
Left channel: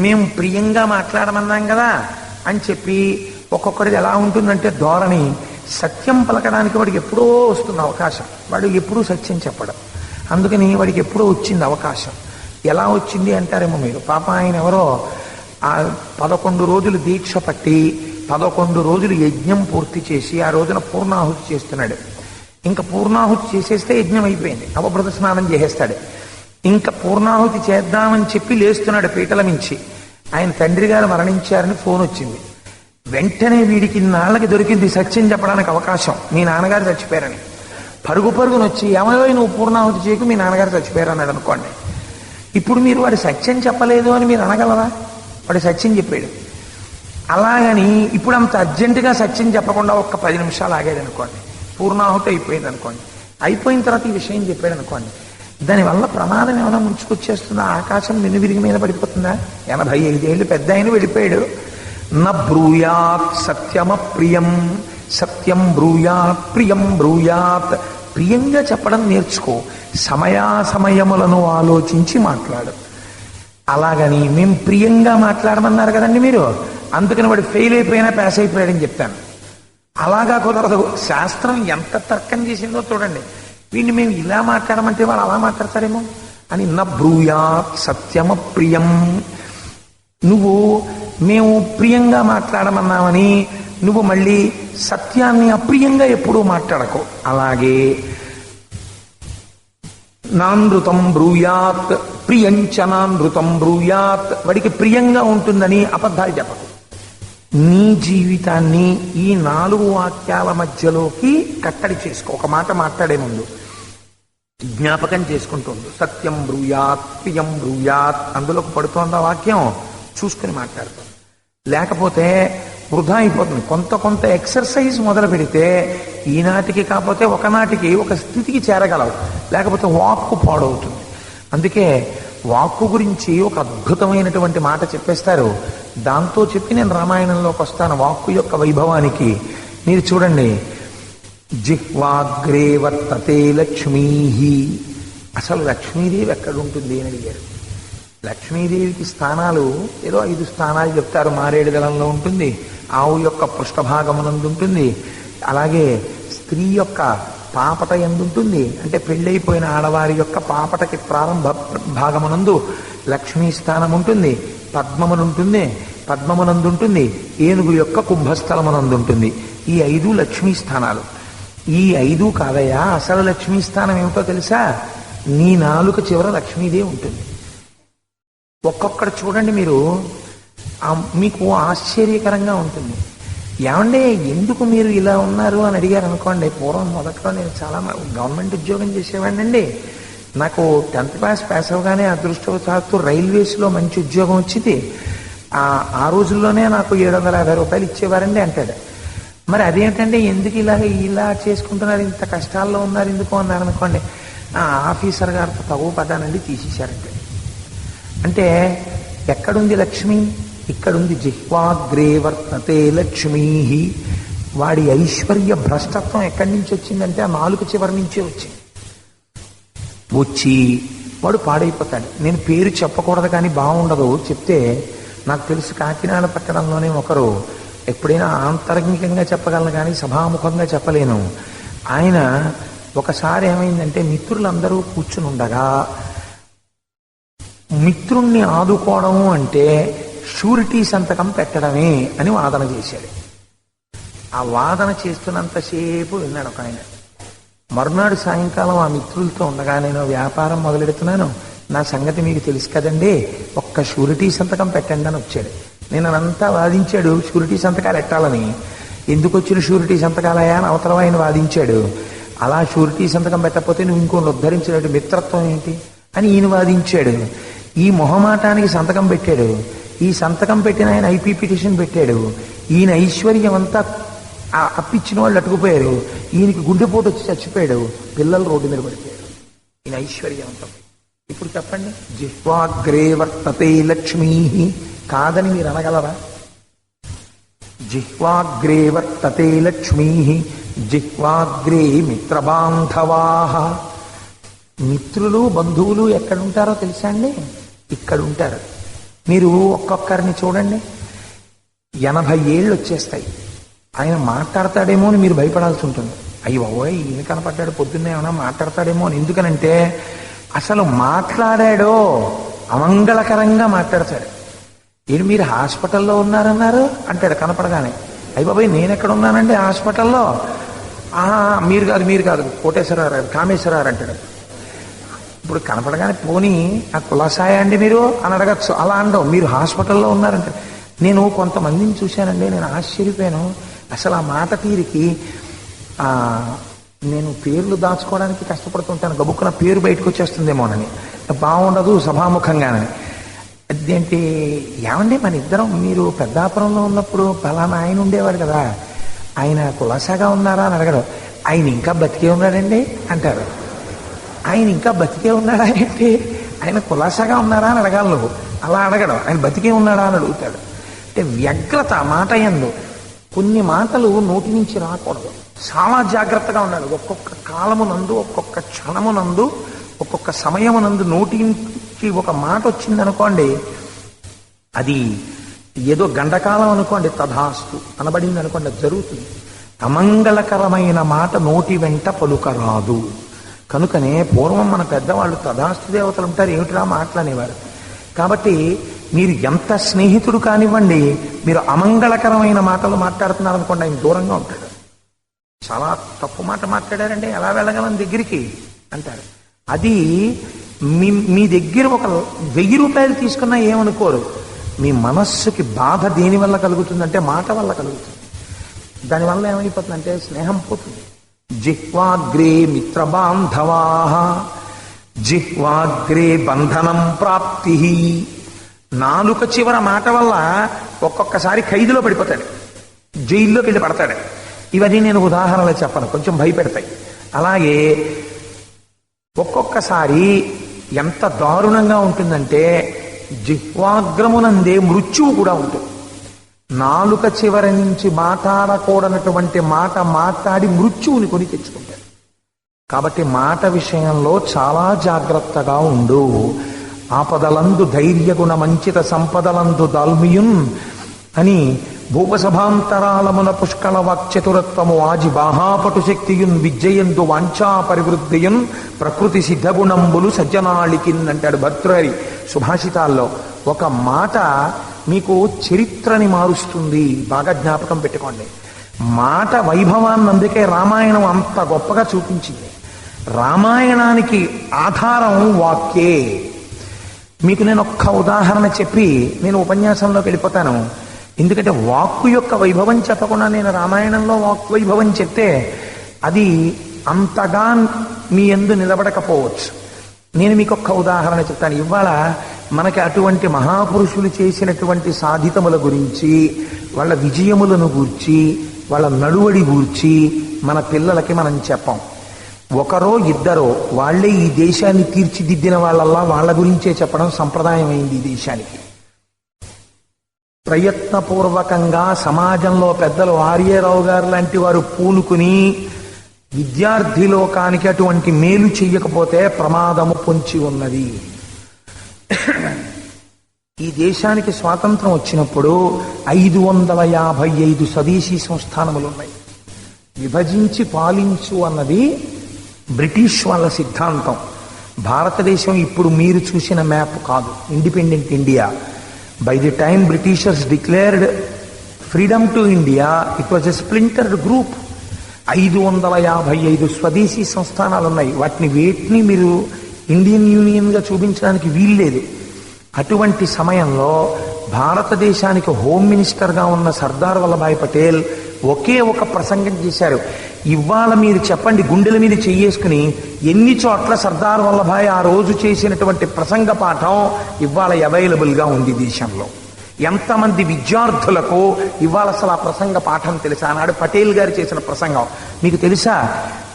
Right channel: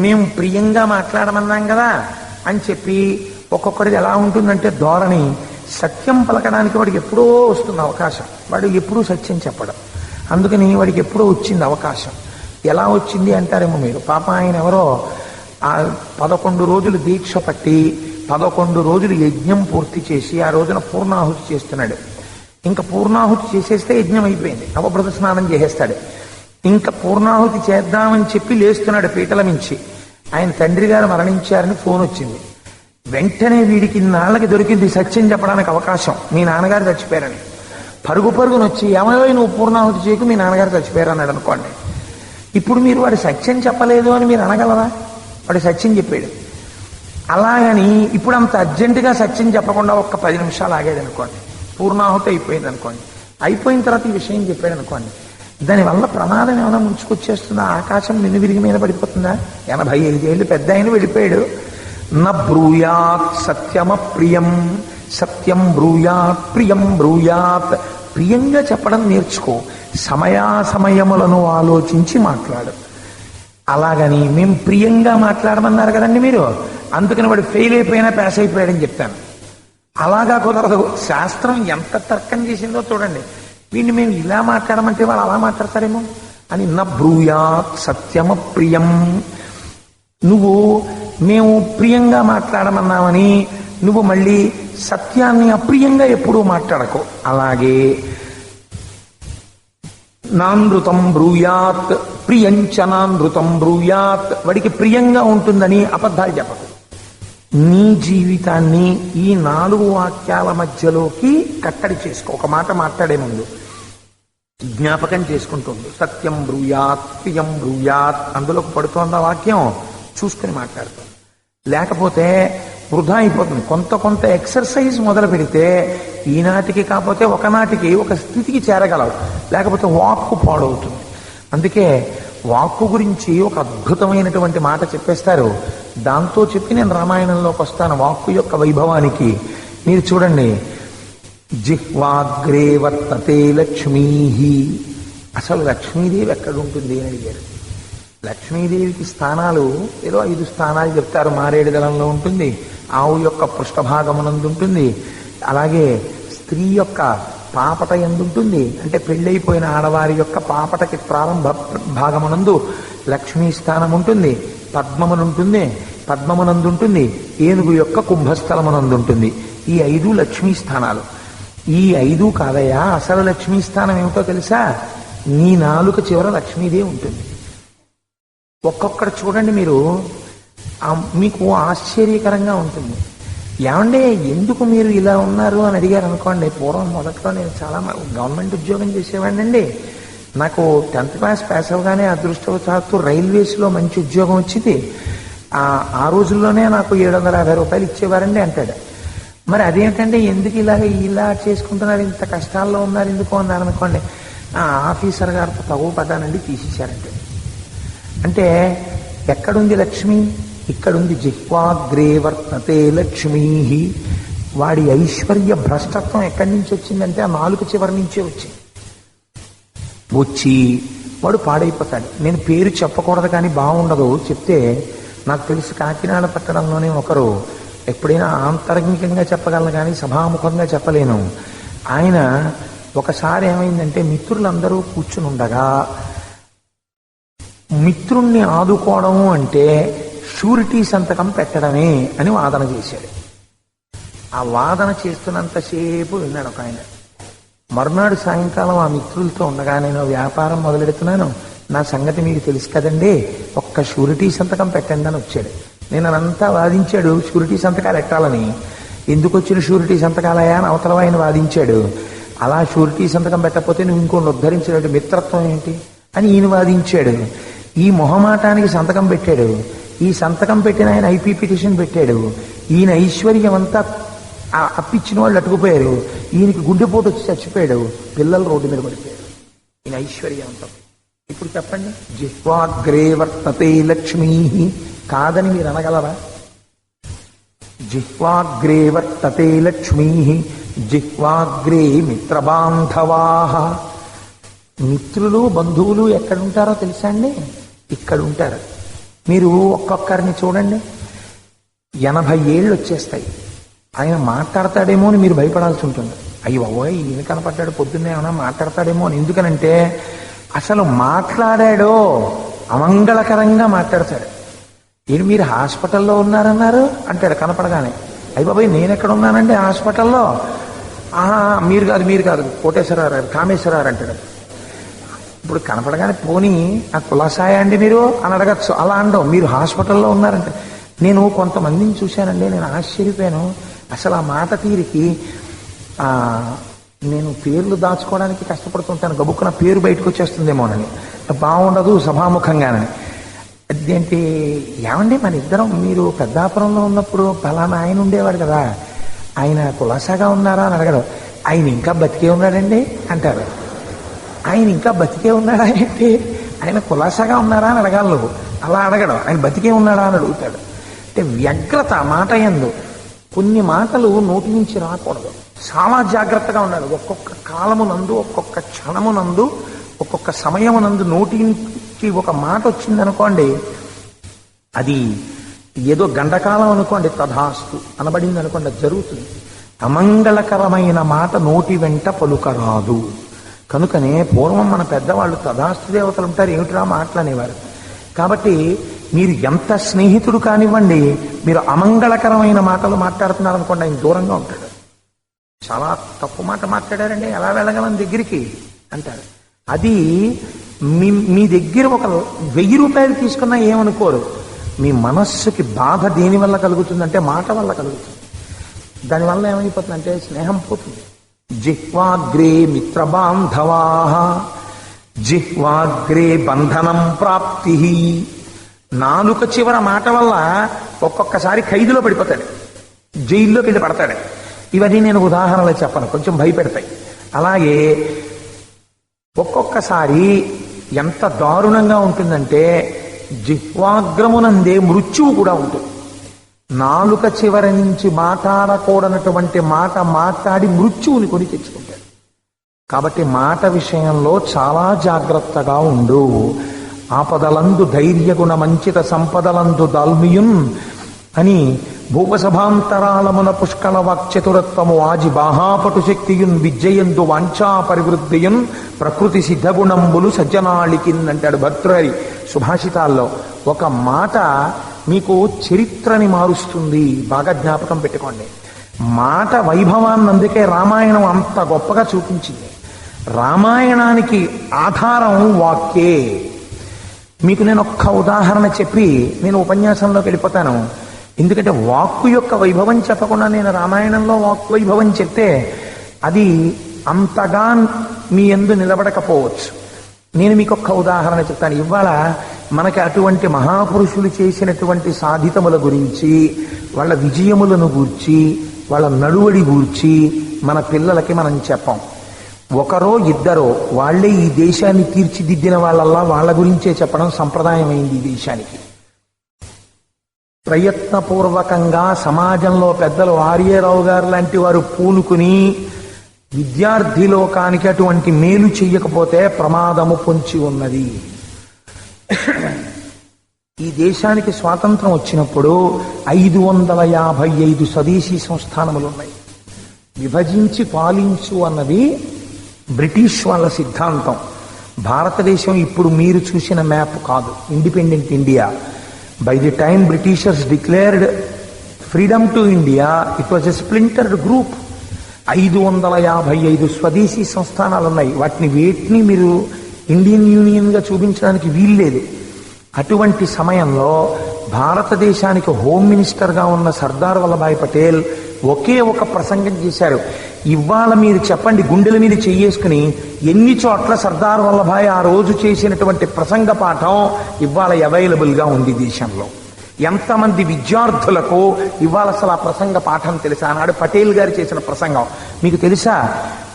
మేము ప్రియంగా మాట్లాడమన్నాం కదా అని చెప్పి ఒక్కొక్కరిది ఎలా ఉంటుందంటే ధోరణి, సత్యం పలకడానికి వాడికి ఎప్పుడో వస్తుంది అవకాశం, వాడు ఎప్పుడూ సత్యం చెప్పడం, అందుకని వాడికి ఎప్పుడో వచ్చింది అవకాశం. ఎలా వచ్చింది అంటారేమో మీరు, పాప ఆయన ఎవరో 11 రోజులు దీక్ష పట్టి 11 రోజులు యజ్ఞం పూర్తి చేసి ఆ రోజున పూర్ణాహుతి చేస్తున్నాడు. ఇంకా పూర్ణాహుతి చేసేస్తే యజ్ఞం అయిపోయింది, అవభృత స్నానం చేసేస్తాడు. ఇంకా పూర్ణాహుతి చేద్దామని చెప్పి లేస్తున్నాడు పీటల నుంచి. ఆయన తండ్రి గారు మరణించారని ఫోన్ వచ్చింది. వెంటనే వీడికి నాళ్ళకి దొరికింది సత్యం చెప్పడానికి అవకాశం, మీ నాన్నగారు చచ్చిపోయారని. పరుగు పరుగునొచ్చి ఏమయ్యో నువ్వు పూర్ణాహుతి చేయకు, మీ నాన్నగారు చచ్చిపోయారన్నాడు అనుకోండి. ఇప్పుడు మీరు వాడు సత్యం చెప్పలేదు అని మీరు అనగలరా? వాడు సత్యం చెప్పాడు. అలాగని ఇప్పుడు అంత అర్జెంటుగా సత్యం చెప్పకుండా ఒక్క 10 నిమిషాలు ఆగేది అనుకోండి, పూర్ణాహుతి అయిపోయింది అనుకోండి. అయిపోయిన తర్వాత ఈ విషయం చెప్పాడు అనుకోండి, దానివల్ల ప్రమాదం ఏమైనా ముంచుకొచ్చేస్తుందా? ఆకాశం విరిగి మీద పడిపోతుందా? 85 ఏళ్ళు పెద్ద ఆయన వెళ్ళిపోయాడు. న బ్రూయాత్ సత్యమ ప్రియం, సత్యం బ్రూయాత్ ప్రియం బ్రూయాత్. ప్రియంగా చెప్పడం నేర్చుకో, సమయాసమయములను ఆలోచించి మాట్లాడు. అలాగని మేము ప్రియంగా మాట్లాడమన్నారు కదండి మీరు, అందుకని వాడు ఫెయిల్ అయిపోయినా పాస్ అయిపోయాడని చెప్తాను. అలాగా కుదరదు. శాస్త్రం ఎంత తర్కం చేసిందో చూడండి. వీడిని మేము ఇలా మాట్లాడమంటే వాళ్ళు అలా మాట్లాడతారేమో అని. న బ్రూయాత్ సత్యమ ప్రియం. నువ్వు మేము ప్రియంగా మాట్లాడమన్నామని నువ్వు మళ్ళీ సత్యాన్ని అప్రియంగా ఎప్పుడూ మాట్లాడకు. అలాగే నానృతం బ్రూయాత్ ప్రియంచ నానృతం బ్రూయాత్. వాడికి ప్రియంగా ఉంటుందని అబద్ధాలు చెప్పకు. నీ జీవితాన్ని ఈ 4 వాక్యాల మధ్యలోకి కట్టడి చేసుకో. ఒక మాట మాట్లాడే ముందు జ్ఞాపకం చేసుకుంటుంది. సత్యం బ్రూయాత్ ప్రియం బ్రూయాత్ అందులోకి పడుతోంది ఆ వాక్యం, చూసుకుని మాట్లాడుతుంది. లేకపోతే వృధా అయిపోతుంది. కొంత ఎక్సర్సైజ్ మొదలు పెడితే ఈనాటికి కాకపోతే ఒకనాటికి ఒక స్థితికి చేరగలవు, లేకపోతే వాక్కు పాడవుతుంది. అందుకే వాక్కు గురించి ఒక అద్భుతమైనటువంటి మాట చెప్పేస్తారు. దాంతో చెప్పి నేను రామాయణంలోకి వస్తాను. వాక్కు యొక్క వైభవానికి మీరు చూడండి. జిహ్వాగ్రే వర్తతే లక్ష్మీ. అసలు లక్ష్మీదేవి ఎక్కడుంటుంది అని అడిగారు. లక్ష్మీదేవికి స్థానాలు ఏదో 5 స్థానాలు చెప్తారు. మారేడు దళంలో ఉంటుంది, ఆవు యొక్క పృష్ఠభాగమునందు ఉంటుంది, అలాగే స్త్రీ యొక్క పాపట ఎందుంటుంది, అంటే పెళ్ళైపోయిన ఆడవారి యొక్క పాపటకి ప్రారంభ భాగమునందు లక్ష్మీ స్థానం ఉంటుంది, పద్మమునందుంటుంది, ఏనుగు యొక్క కుంభస్థలమునందుంటుంది. ఈ 5 లక్ష్మీ స్థానాలు. ఈ 5 కాదయ్యా, అసలు లక్ష్మీ స్థానం ఏమిటో తెలుసా? నీ నాలుక చివర లక్ష్మీదేవి ఉంటుంది. ఒక్కొక్కటి చూడండి మీరు, మీకు ఆశ్చర్యకరంగా ఉంటుంది. ఏమంటే ఎందుకు మీరు ఇలా ఉన్నారు అని అడిగారు అనుకోండి. పూర్వం మొదట్లో నేను చాలా గవర్నమెంట్ ఉద్యోగం చేసేవాడినండి. నాకు 10th క్లాస్ పాస్ అవగానే అదృష్టవశాత్తు రైల్వేస్లో మంచి ఉద్యోగం వచ్చింది. ఆ రోజుల్లోనే నాకు 750 రూపాయలు ఇచ్చేవారండి అంటాడు. మరి అదేంటంటే ఎందుకు ఇలా చేసుకుంటున్నారు, ఇంత కష్టాల్లో ఉన్నారు ఎందుకు అన్నారు అనుకోండి. ఆఫీసర్ గారికి తగు పడ్డానండి, తీసేశారంటే. అంటే ఎక్కడుంది లక్ష్మి? ఇక్కడుంది. జిహ్వాగ్రే వర్తతే లక్ష్మీ. వాడి ఐశ్వర్య భ్రష్టత్వం ఎక్కడి నుంచి వచ్చిందంటే ఆ నాలుక చివరి నుంచే వచ్చింది. వచ్చి వాడు పాడైపోతాడు. నేను పేరు చెప్పకూడదు కానీ బాగుండదు, చెప్తే నాకు తెలుసు. కాకినాడ పట్టణంలోనే ఒకరు, ఎప్పుడైనా ఆంతరంగికంగా చెప్పగలను కానీ సభాముఖంగా చెప్పలేను. ఆయన ఒకసారి ఏమైందంటే మిత్రులందరూ కూర్చుని ఉండగా, మిత్రుణ్ణి ఆదుకోవడము అంటే షూరిటీ సంతకం పెట్టడమే అని వాదన చేశాడు. ఆ వాదన చేస్తున్నంతసేపు విన్నాడు ఆయన. మర్నాడు సాయంకాలం ఆ మిత్రులతో ఉండగా, నేను వ్యాపారం మొదలెడుతున్నాను, నా సంగతి మీకు తెలుసు కదండి, ఒక్క షూరిటీ సంతకం పెట్టండి అని వచ్చాడు. నేను అనంతా వాదించాడు షూరిటీ సంతకాలు పెట్టాలని. ఎందుకు వచ్చిన షూరిటీ సంతకాలయా అని అవతల ఆయన వాదించాడు. అలా షూరిటీ సంతకం పెట్టకపోతే నువ్వు ఇంకోటి ఉద్ధరించినట్టు మిత్రత్వం ఏంటి అని ఈయన వాదించాడు. ఈ మొహమాటానికి సంతకం పెట్టాడు. ఈ సంతకం పెట్టిన ఆయన ఐపీ పిటిషన్ పెట్టాడు. ఈయన ఐశ్వర్యం అంతా అప్పిచ్చిన వాళ్ళు అటుకుపోయారు. ఈయనకి గుండెపోటు వచ్చి చచ్చిపోయాడు. పిల్లలు రోడ్డు మీద పడిపోయారు. ఈయన ఐశ్వర్యం అంతా. ఇప్పుడు చెప్పండి, జిహ్వాగ్రే వర్తతే లక్ష్మీ కాదని మీరు అనగలరా? జిహ్వాగ్రే వర్తతే లక్ష్మీ, జిహ్వాగ్రే మిత్రబాంధవాః. మిత్రులు బంధువులు ఎక్కడుంటారో తెలుసా అండి? ఇక్కడ ఉంటారు. మీరు ఒక్కొక్కరిని చూడండి, 80 ఏళ్ళు వచ్చేస్తాయి. ఆయన మాట్లాడతాడేమో అని మీరు భయపడాల్సి ఉంటుంది. అయ్యో ఈయన కనపడ్డాడు, పొద్దున్నే ఏమైనా మాట్లాడతాడేమో అని. ఎందుకనంటే అసలు మాట్లాడాడో అమంగళకరంగా మాట్లాడతాడు. మీరు హాస్పిటల్లో ఉన్నారన్నారు అంటాడు కనపడగానే. అయ్య బాబాయ్ నేను ఎక్కడ ఉన్నానండి హాస్పిటల్లో? మీరు కాదు కోటేశ్వరరావు గారు, కామేశ్వరరావు అంటాడు. ఇప్పుడు కనపడగానే పోనీ ఆ కులాసాయ అండి మీరు అని అడగచ్చు. అలా అనడం. మీరు హాస్పిటల్లో ఉన్నారంటే నేను కొంతమందిని చూశానండి, నేను ఆశ్చర్యపోయాను. అసలు ఆ మాట తీరికి నేను పేర్లు దాచుకోవడానికి కష్టపడుతుంటాను, గబుక్కున పేరు బయటకు వచ్చేస్తుందేమోనని, బాగుండదు సభాముఖంగానని. అదేంటి ఏమండి మన ఇద్దరం మీరు పెద్దాపురంలో ఉన్నప్పుడు పలానా ఆయన ఉండేవాడు కదా, ఆయన కులాసాగా ఉన్నారా అని అడగడం. ఆయన ఇంకా బతికే ఉన్నాడండి అంటారు. ఆయన ఇంకా బతికే ఉన్నాడా ఏంటి, ఆయన కులాసాగా ఉన్నారా అని అడగాలి నువ్వు. అలా అడగడం. ఆయన బతికే ఉన్నాడా అని అడుగుతాడు. అంటే వ్యగ్రత మాట యందు. కొన్ని మాటలు నోటి నుంచి రాకూడదు, చాలా జాగ్రత్తగా ఉండాలి. ఒక్కొక్క కాలమునందు, ఒక్కొక్క క్షణమునందు, ఒక్కొక్క సమయమునందు నోటి నుంచి ఒక మాట వచ్చిందనుకోండి, అది ఏదో గండకాలం అనుకోండి, తథాస్తు అనబడింది అనుకోండి, అది జరుగుతుంది. అమంగళకరమైన మాట నోటి వెంట పలుకరాదు. కనుకనే పూర్వం మన పెద్దవాళ్ళు తథాస్తు దేవతలు ఉంటారు, ఏమిటిరా మాటలనేవారు. కాబట్టి మీరు ఎంత స్నేహితుడు కానివ్వండి, మీరు అమంగళకరమైన మాటలు మాట్లాడుతున్నారు అనుకోండి, ఆయన దూరంగా ఉంటాడు. చాలా తప్పు మాట మాట్లాడారండి, ఎలా వెళ్ళగలం దగ్గరికి అంటారు. అది మీ దగ్గర ఒక 1000 రూపాయలు తీసుకున్నా ఏమనుకోరు. మీ మనస్సుకి బాధ దేని వల్ల కలుగుతుందంటే మాట వల్ల కలుగుతుంది. దానివల్ల ఏమైపోతుందంటే స్నేహం పోతుంది. జిహ్వాగ్రే మిత్రబాంధవా జిహ్వాగ్రే బంధనం ప్రాప్తి. నాలుక చివర మాట వల్ల ఒక్కొక్కసారి ఖైదులో పడిపోతాడు, జైల్లోకి వెళ్ళి పడతాడు. ఇవన్నీ నేను ఉదాహరణలు చెప్పను, కొంచెం భయపెడతాయి. అలాగే ఒక్కొక్కసారి ఎంత దారుణంగా ఉంటుందంటే జిహ్వాగ్రమునందే మృత్యువు కూడా ఉంటుంది. నాలుక చివరి నుంచి మాట్లాడకూడనటువంటి మాట మాట్లాడి మృత్యువుని కొని తెచ్చుకుంటాడు. కాబట్టి మాట విషయంలో చాలా జాగ్రత్తగా ఉండు. ఆపదలందు ధైర్యగుణ మంచిత సంపదలందు దాల్మియున్ అని భూపసభాంతరాళమున పుష్కళ వాక్చతురత్వము ఆజి బాహాపటు శక్తియున్ విద్యయందు వాంఛా పరివృద్ధియున్ ప్రకృతి సిద్ధగుణంబులు సజ్జనాళికిన్ అంటాడు భర్తృహరి సుభాషితాల్లో. ఒక మాట మీకు చరిత్రని మారుస్తుంది, బాగా జ్ఞాపకం పెట్టుకోండి. మాట వైభవాన్ని అందుకే రామాయణం అంత గొప్పగా చూపించింది. రామాయణానికి ఆధారం వాక్యే. మీకు నేను ఒక్క ఉదాహరణ చెప్పి నేను ఉపన్యాసంలోకి వెళ్ళిపోతాను. ఎందుకంటే వాక్కు యొక్క వైభవం చెప్పకుండా నేను రామాయణంలో వాక్కు వైభవం చెప్తే అది అంతగా మీ యందు నిలబడకపోవచ్చు. నేను మీకు ఒక్క ఉదాహరణ చెప్తాను. ఇవాళ మనకి అటువంటి మహాపురుషులు చేసినటువంటి సాధితముల గురించి, వాళ్ళ విజయములను గూర్చి, వాళ్ళ నడువడి గూర్చి మన పిల్లలకి మనం చెప్పాం. ఒకరో ఇద్దరో వాళ్లే ఈ దేశాన్ని తీర్చిదిద్దిన వాళ్ళల్లా వాళ్ళ గురించే చెప్పడం సంప్రదాయమైంది ఈ దేశానికి. ప్రయత్నపూర్వకంగా సమాజంలో పెద్దలు ఆర్యరావు గారు లాంటి వారు పూనుకుని విద్యార్థి లోకానికి అటువంటి మేలు చెయ్యకపోతే ప్రమాదము పొంచి ఉన్నది. ఈ దేశానికి స్వాతంత్రం వచ్చినప్పుడు 555 స్వదేశీ సంస్థానములున్నాయి. విభజించి పాలించు అన్నది బ్రిటిష్ వాళ్ళ సిద్ధాంతం. భారతదేశం ఇప్పుడు మీరు చూసిన మ్యాప్ కాదు, independent India. By the time Britishers declared freedom to India, it was a splintered group. 555 స్వదేశీ సంస్థానాలు ఉన్నాయి. వాటిని వేటిని మీరు ఇండియన్ యూనియన్ గా చూపించడానికి వీల్లేదు. అటువంటి సమయంలో భారతదేశానికి హోమ్ మినిస్టర్ గా ఉన్న సర్దార్ వల్లభాయ్ పటేల్ ఒకే ఒక ప్రసంగం చేశారు. ఇవాళ మీరు చెప్పండి, గుండెల మీద చెయ్యేసుకుని ఎన్ని చోట్ల సర్దార్ వల్లభాయ్ ఆ రోజు చేసినటువంటి ప్రసంగ పాఠం ఇవాళ అవైలబుల్ గా ఉంది దేశంలో. ఎంతమంది విద్యార్థులకు ఇవాళ అసలు ఆ ప్రసంగ పాఠం తెలుసా? ఆనాడు పటేల్ గారు చేసిన ప్రసంగం మీకు తెలుసా?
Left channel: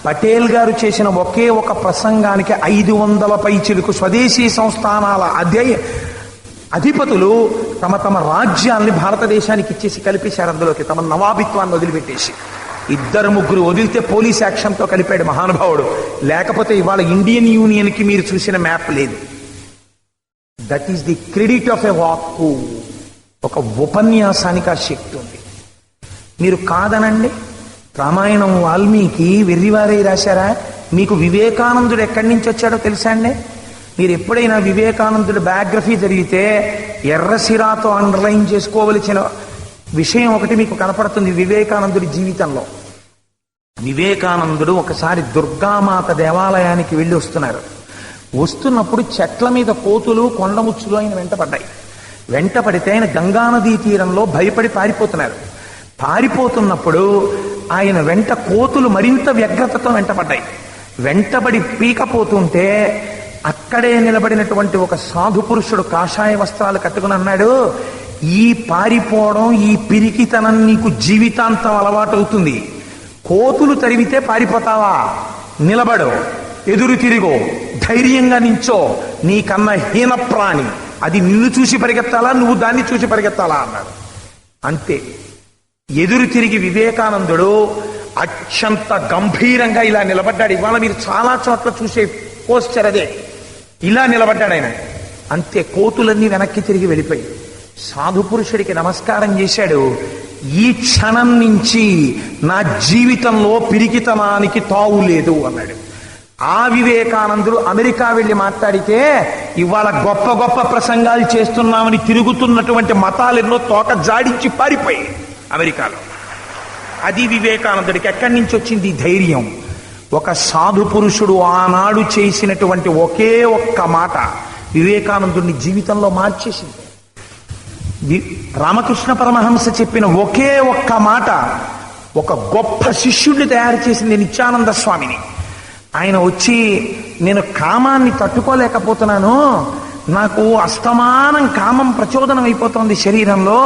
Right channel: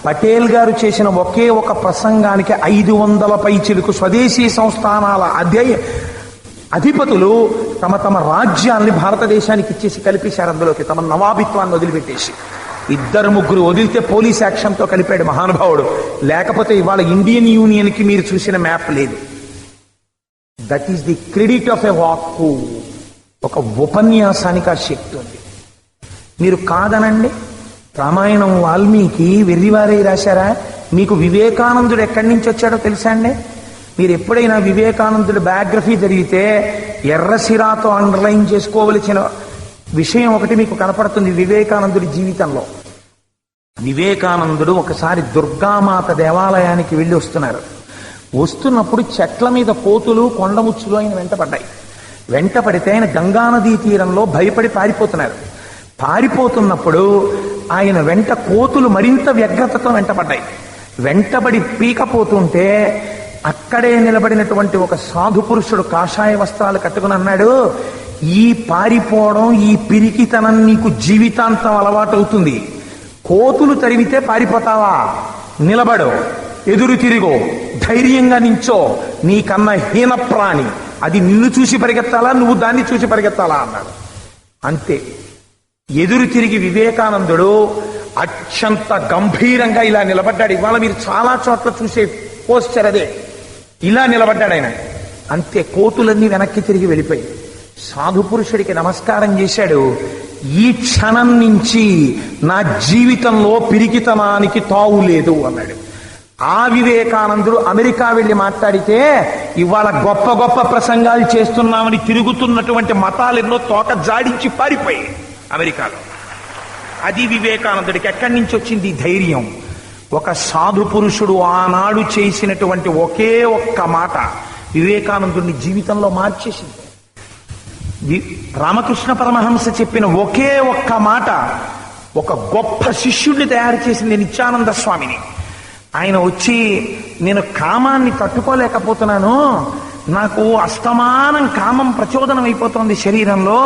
పటేల్ గారు చేసిన ఒకే ఒక ప్రసంగానికి 500 పైచిలకు స్వదేశీ సంస్థానాల అధిపతులు తమ తమ రాజ్యాల్ని భారతదేశానికి ఇచ్చేసి కలిపేశారు. అందులోకి తమ నవాబిత్వాన్ని వదిలిపెట్టేసి 2-3 వదిలితే పోలీస్ యాక్షన్తో కలిపాడు మహానుభావుడు. లేకపోతే ఇవాళ ఇండియన్ యూనియన్ కి మీరు చూసిన మ్యాప్ లేదు. That is the credit of a వాక్కు. ఒక ఉపన్యాసానికి ఆ శక్తి ఉంది. మీరు కాదనండి, రామాయణం వాల్మీకి వెర్రివారే రాశారా? మీకు వివేకానందుడు ఎక్కడి నుంచి వచ్చాడో తెలుసా అండి? మీరు ఎప్పుడైనా వివేకానందుడి బయోగ్రఫీ జరిగితే ఎర్రసిరాతో అండర్లైన్ చేసుకోవలసిన విషయం ఒకటి మీకు కనపడుతుంది వివేకానందుడి జీవితంలో. వివేకానందుడు ఒకసారి దుర్గామాత దేవాలయానికి వెళ్ళి వస్తున్నారు. వస్తున్నప్పుడు చెట్ల మీద కోతులు కొండముచ్చులు ఆయన వెంటపడితే ఆయన గంగానదీ తీరంలో భయపడి పారిపోతున్నారు. పారిపోతున్నప్పుడు ఆయన వెంట కోతులు మరింత వ్యగ్రతతో వెంటబడి పీకపోతుంటే అక్కడే నిలబడినటువంటి ఒక సాధు పురుషుడు కాషాయ వస్త్రాలు కట్టుకుని అన్నాడు, ఈ పారిపోవడం, ఈ పిరికితనం నీకు జీవితాంతం అలవాటవుతుంది. కోతులు తరిమితే పారిపోతావా? నిలబడు, ఎదురు తిరిగో, ధైర్యంగా నించో, నీకన్నా హీన ప్రాణి అది నిన్ను చూసి పరిగెత్తాలా, నువ్వు దాన్ని చూసి పరిగెత్తాలా అన్నాడు. అంతే. ఎదురు తిరిగి వివేకానందుడు అత్యంత గంభీరంగా ఇలా నిలబడ్డాడు. ఇవాళ మీరు చాలా చోట్ల చూసే పోస్చర్ అదే. ఇలా నిలబడ్డాడు ఆయన. అంతే. కోతులన్నీ వెనక్కి తిరిగి వెళ్ళిపోయి సాధు పురుషుడికి నమస్కారం చేశాడు. ఈ క్షణం నుంచి నా జీవితంలో పిరికితనానికి తావు లేదు అన్నాడు. ఆ వివేకానందుడు అమెరికా వెళ్లి మాట్లాడితే ఇవాళ గొప్ప గొప్ప ప్రసంగాలు చేస్తున్నామని తిరుగుతున్నటువంటి మతాలెన్నో తోక జాడించి పారిపోయి అమెరికాలో. అది వివేకానందుడికి ఎక్కడి నుంచి వచ్చింది ధైర్యం? ఒక సాధు పురుషుడు ఆనాడు చేసినటువంటి ఒకే ఒక్క మాట వివేకానందుడిని జీవితంలో మార్చేసింది. రామకృష్ణ పరమహంస చెప్పిన ఒకే ఒక్క మాట ఒక గొప్ప శిష్యుడిని తయారు చేసింది నిత్యానంద స్వామిని. ఆయన వచ్చి, నేను కామాన్ని తట్టుకోలేకపోతున్నాను, నాకు అస్తమానం కామం ప్రచోదనం అయిపోతుంది శరీరంలో,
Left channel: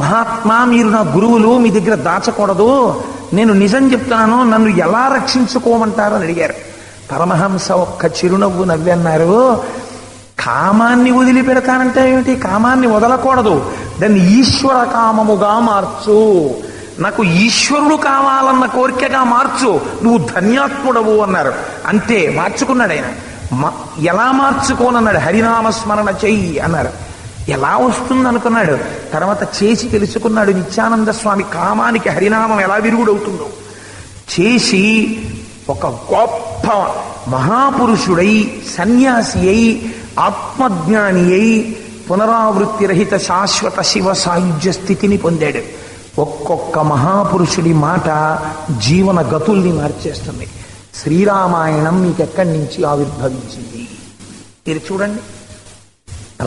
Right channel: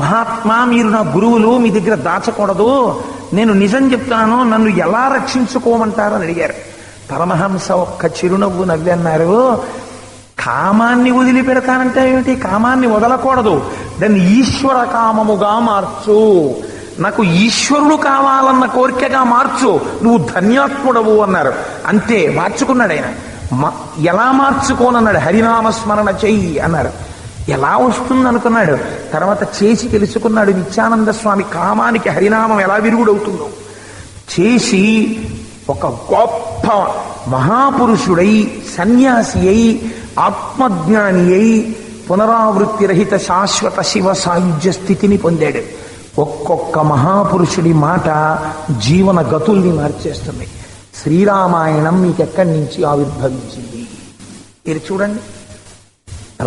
మహాత్మా మీరు నా గురువులు, మీ దగ్గర దాచకూడదు, నేను నిజం చెప్తాను, నన్ను ఎలా రక్షించుకోమంటారు అని అడిగారు. పరమహంస ఒక్క చిరునవ్వు నవ్వి అన్నారు, కామాన్ని వదిలిపెడతానంటే ఏమిటి? కామాన్ని వదలకూడదు, దాన్ని ఈశ్వర కామముగా మార్చు, నాకు ఈశ్వరుడు కావాలన్న కోరికగా మార్చు, నువ్వు ధన్యాత్ముడవు అన్నారు. అంతే, మార్చుకున్నాడు ఆయన. ఎలా మార్చుకోనన్నాడు? హరినామస్మరణ చెయ్యి అన్నారు. ఎలా వస్తుంది అనుకున్నాడు. తర్వాత చేసి తెలుసుకున్నాడు నిత్యానంద స్వామి కామానికి హరినామం ఎలా విరుగుడవుతుందో. చేసి ఒక గొప్ప మహాపురుషుడై, సన్యాసి అయి, ఆత్మజ్ఞాని అయి, పునరావృత్తి రహిత శాశ్వత శివ సాయుధ్య స్థితిని పొందాడు. ఒక్కొక్క మహాపురుషుడి మాట జీవన గతుల్ని మార్చేస్తుంది. శ్రీరామాయణం మీకు ఎక్కడి నుంచి ఆవిర్భవించింది? మీరు చూడండి.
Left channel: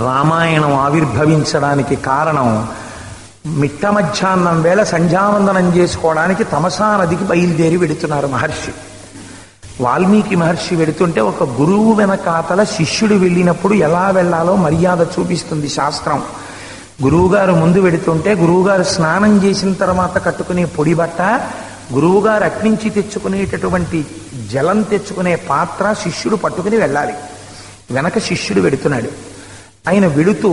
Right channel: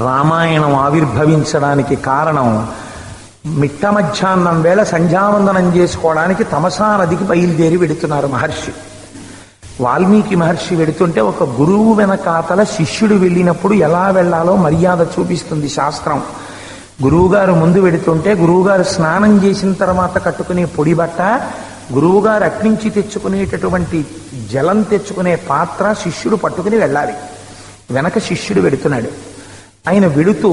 రామాయణం ఆవిర్భవించడానికి కారణం, మిట్ట మధ్యాహ్నం వేళ సంధ్యావందనం చేసుకోవడానికి తమసా నదికి బయలుదేరి వెడుతున్నారు మహర్షి. వాల్మీకి మహర్షి వెడుతుంటే ఒక గురువు వెనకాతల శిష్యుడు వెళ్ళినప్పుడు ఎలా వెళ్లాలో మర్యాద చూపిస్తుంది శాస్త్రం. గురువుగారు ముందు వెడుతుంటే గురువుగారు స్నానం చేసిన తర్వాత కట్టుకునే పొడి బట్ట, గురువుగారు అట్నుంచి తెచ్చుకునేటటువంటి జలం తెచ్చుకునే పాత్ర శిష్యుడు పట్టుకుని వెళ్ళాలి. వెనక శిష్యుడు వెడుతున్నాడు. ఆయన వెడుతూ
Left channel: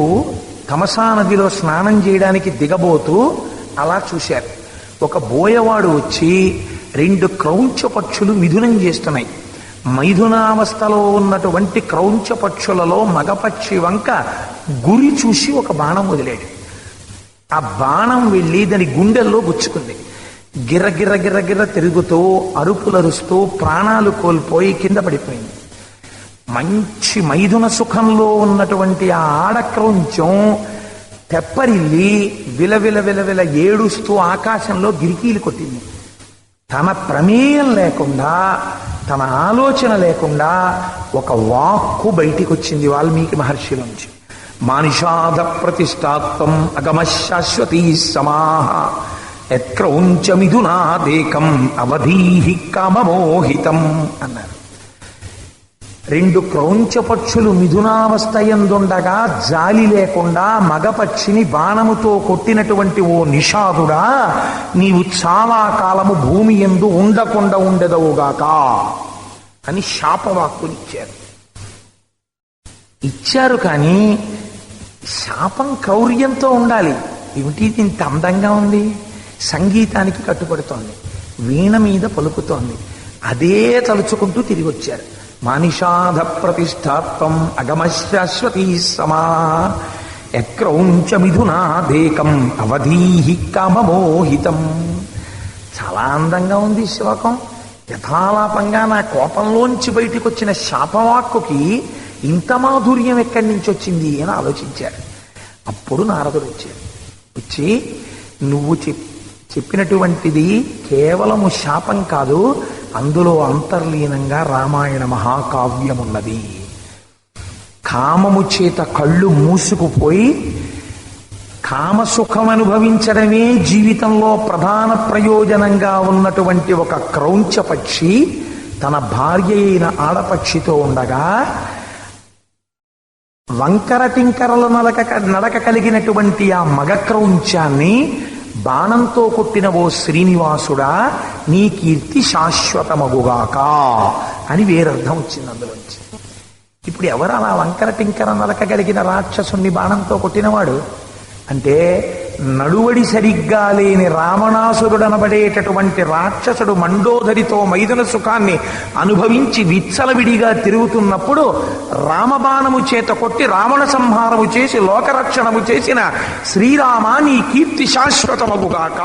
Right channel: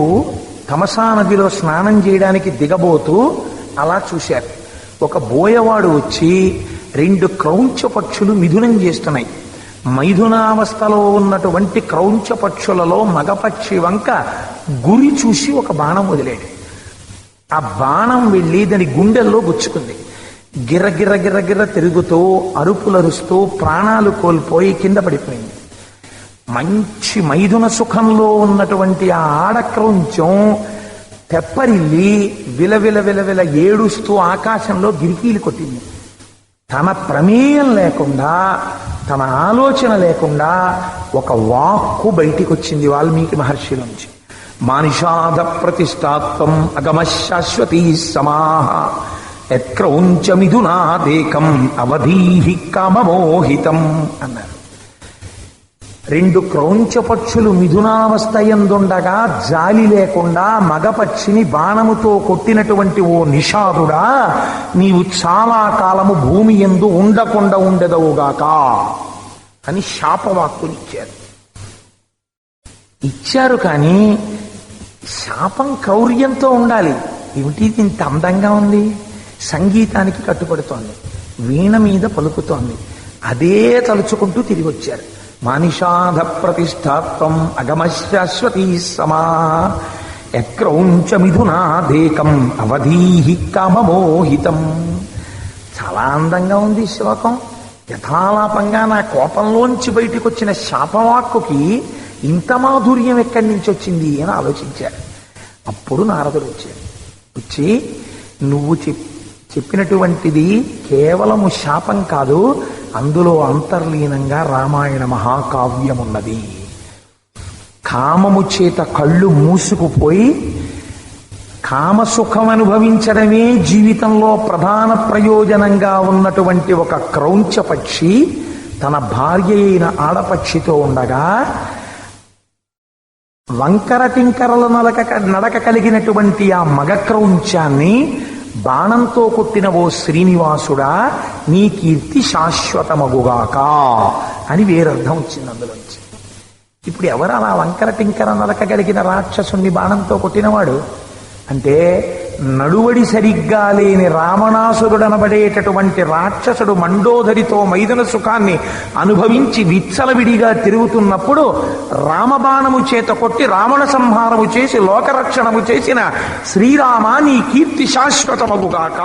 తమసా నదిలో స్నానం చేయడానికి దిగబోతూ అలా చూశారు. ఒక బోయవాడు వచ్చి 2 క్రౌంచ పక్షులు మిథునం చేస్తున్నాయి. మైథునావస్థలో ఉన్నటువంటి క్రౌంచ పక్షులలో మగపక్షి వంక గురి చూసి ఒక బాణం వదిలాడు. ఆ బాణం వెళ్ళి దాని గుండెల్లో గుచ్చుకుంది. గిర్ర గిర్ర గిర్ర గిర్ర తిరుగుతూ అరుపులరుస్తూ ప్రాణాలు కోల్పోయి కింద పడిపోయింది. మంచి మైథున సుఖంలో ఉన్నటువంటి ఆ ఆడక్రౌంచం తెప్పరిల్లి విలవిల విలవిల ఏడుస్తూ ఆకాశంలో గిరికీలు కొట్టింది. తన ప్రమేయం లేకుండా, తన ఆలోచన లేకుండా ఒక వాక్కు బయటికి వచ్చింది వాల్మీకి మహర్షి నుంచి. మానిషాద ప్రతిష్టాత్వం అగమ శాశ్వతీ సమాహ యత్క్రౌంచ మిథునాదేకం అవధీహి కామమోహితం అన్నారు. 2 క్రౌంచ పక్షులు మిథునావస్థ యందుండగా జాలి లేకుండా మగపక్షిని బాణముతో కొట్టినటువంటి ఓ నిషాదుడా, నీవు చాలా కాలము భూమి యందు ఉండకుండా ఉండదవుగాక అని శాపవాక్కునిచ్చారు. ఇచ్చారు కానీ శాపం క్రౌర్యంతో ఉండాలి. ఏమిటి ఇంత అందంగా ఉంది? సంగీతానికి కట్టుబడుతోంది, వీణ మీద పలుకుతోంది. అదే తలుచుకుంటూ తిరిగి వచ్చారు. మానిషాధ ప్రతిష్టాత్వం అగమ శాశ్వతీ సమా యక్రౌంచ మిథునాదేకం అవధీహి కామమోహితం. చాలా అందంగా ఉంది శ్లోకం. యథాలాపంగా నా కోపంలోంచి బయటికి వచ్చిన శాపవాక్కుకి ఇంత మాధుర్యం ఎక్కడి నుంచి వచ్చింది అని ఆలోచించారు. అప్పుడు నారదుడు వచ్చారు. వచ్చి, నువ్వు చెప్పినటువంటిది కేవలము శాపం కాదు, అందులో అంతర్లీనంగా రామాయణ మహాకావ్యమున్నది. కామము చేత కళ్ళు మూసుకుపోయి కామసుఖం అనుభవించడమే జీవితంలో ప్రధాన ప్రయోజనంగా ఉన్నటువంటి ఒక క్రౌంచ పక్షి తన భార్య అయిన ఆడపక్షితో ఉండగా వంకర టింకరల నడక కలిగినటువంటి ఆ మగ క్రౌంచాన్ని బాణంతో కొట్టిన ఓ శ్రీనివాసుడా నీ కీర్తి శాశ్వతమగుగాక అని వేరర్థం వచ్చింది అందులోంచి. ఇప్పుడు ఎవరు అలా వంకర టింకర నడక కలిగిన రాక్షసుని బాణంతో కొట్టినవాడు అంటే, నడువడి సరిగ్గా లేని రావణాసురుడనబడేటటువంటి రాక్షసుడు మండోదరితో మైదున సుఖాన్ని అనుభవించి విచ్చలవిడిగా తిరుగుతున్నప్పుడు రామబాణము చేత కొట్టి రావణ సంహారము చేసి లోకరక్షణము చేసిన శ్రీరామ నీ కీర్తి శాశ్వతమగుగాక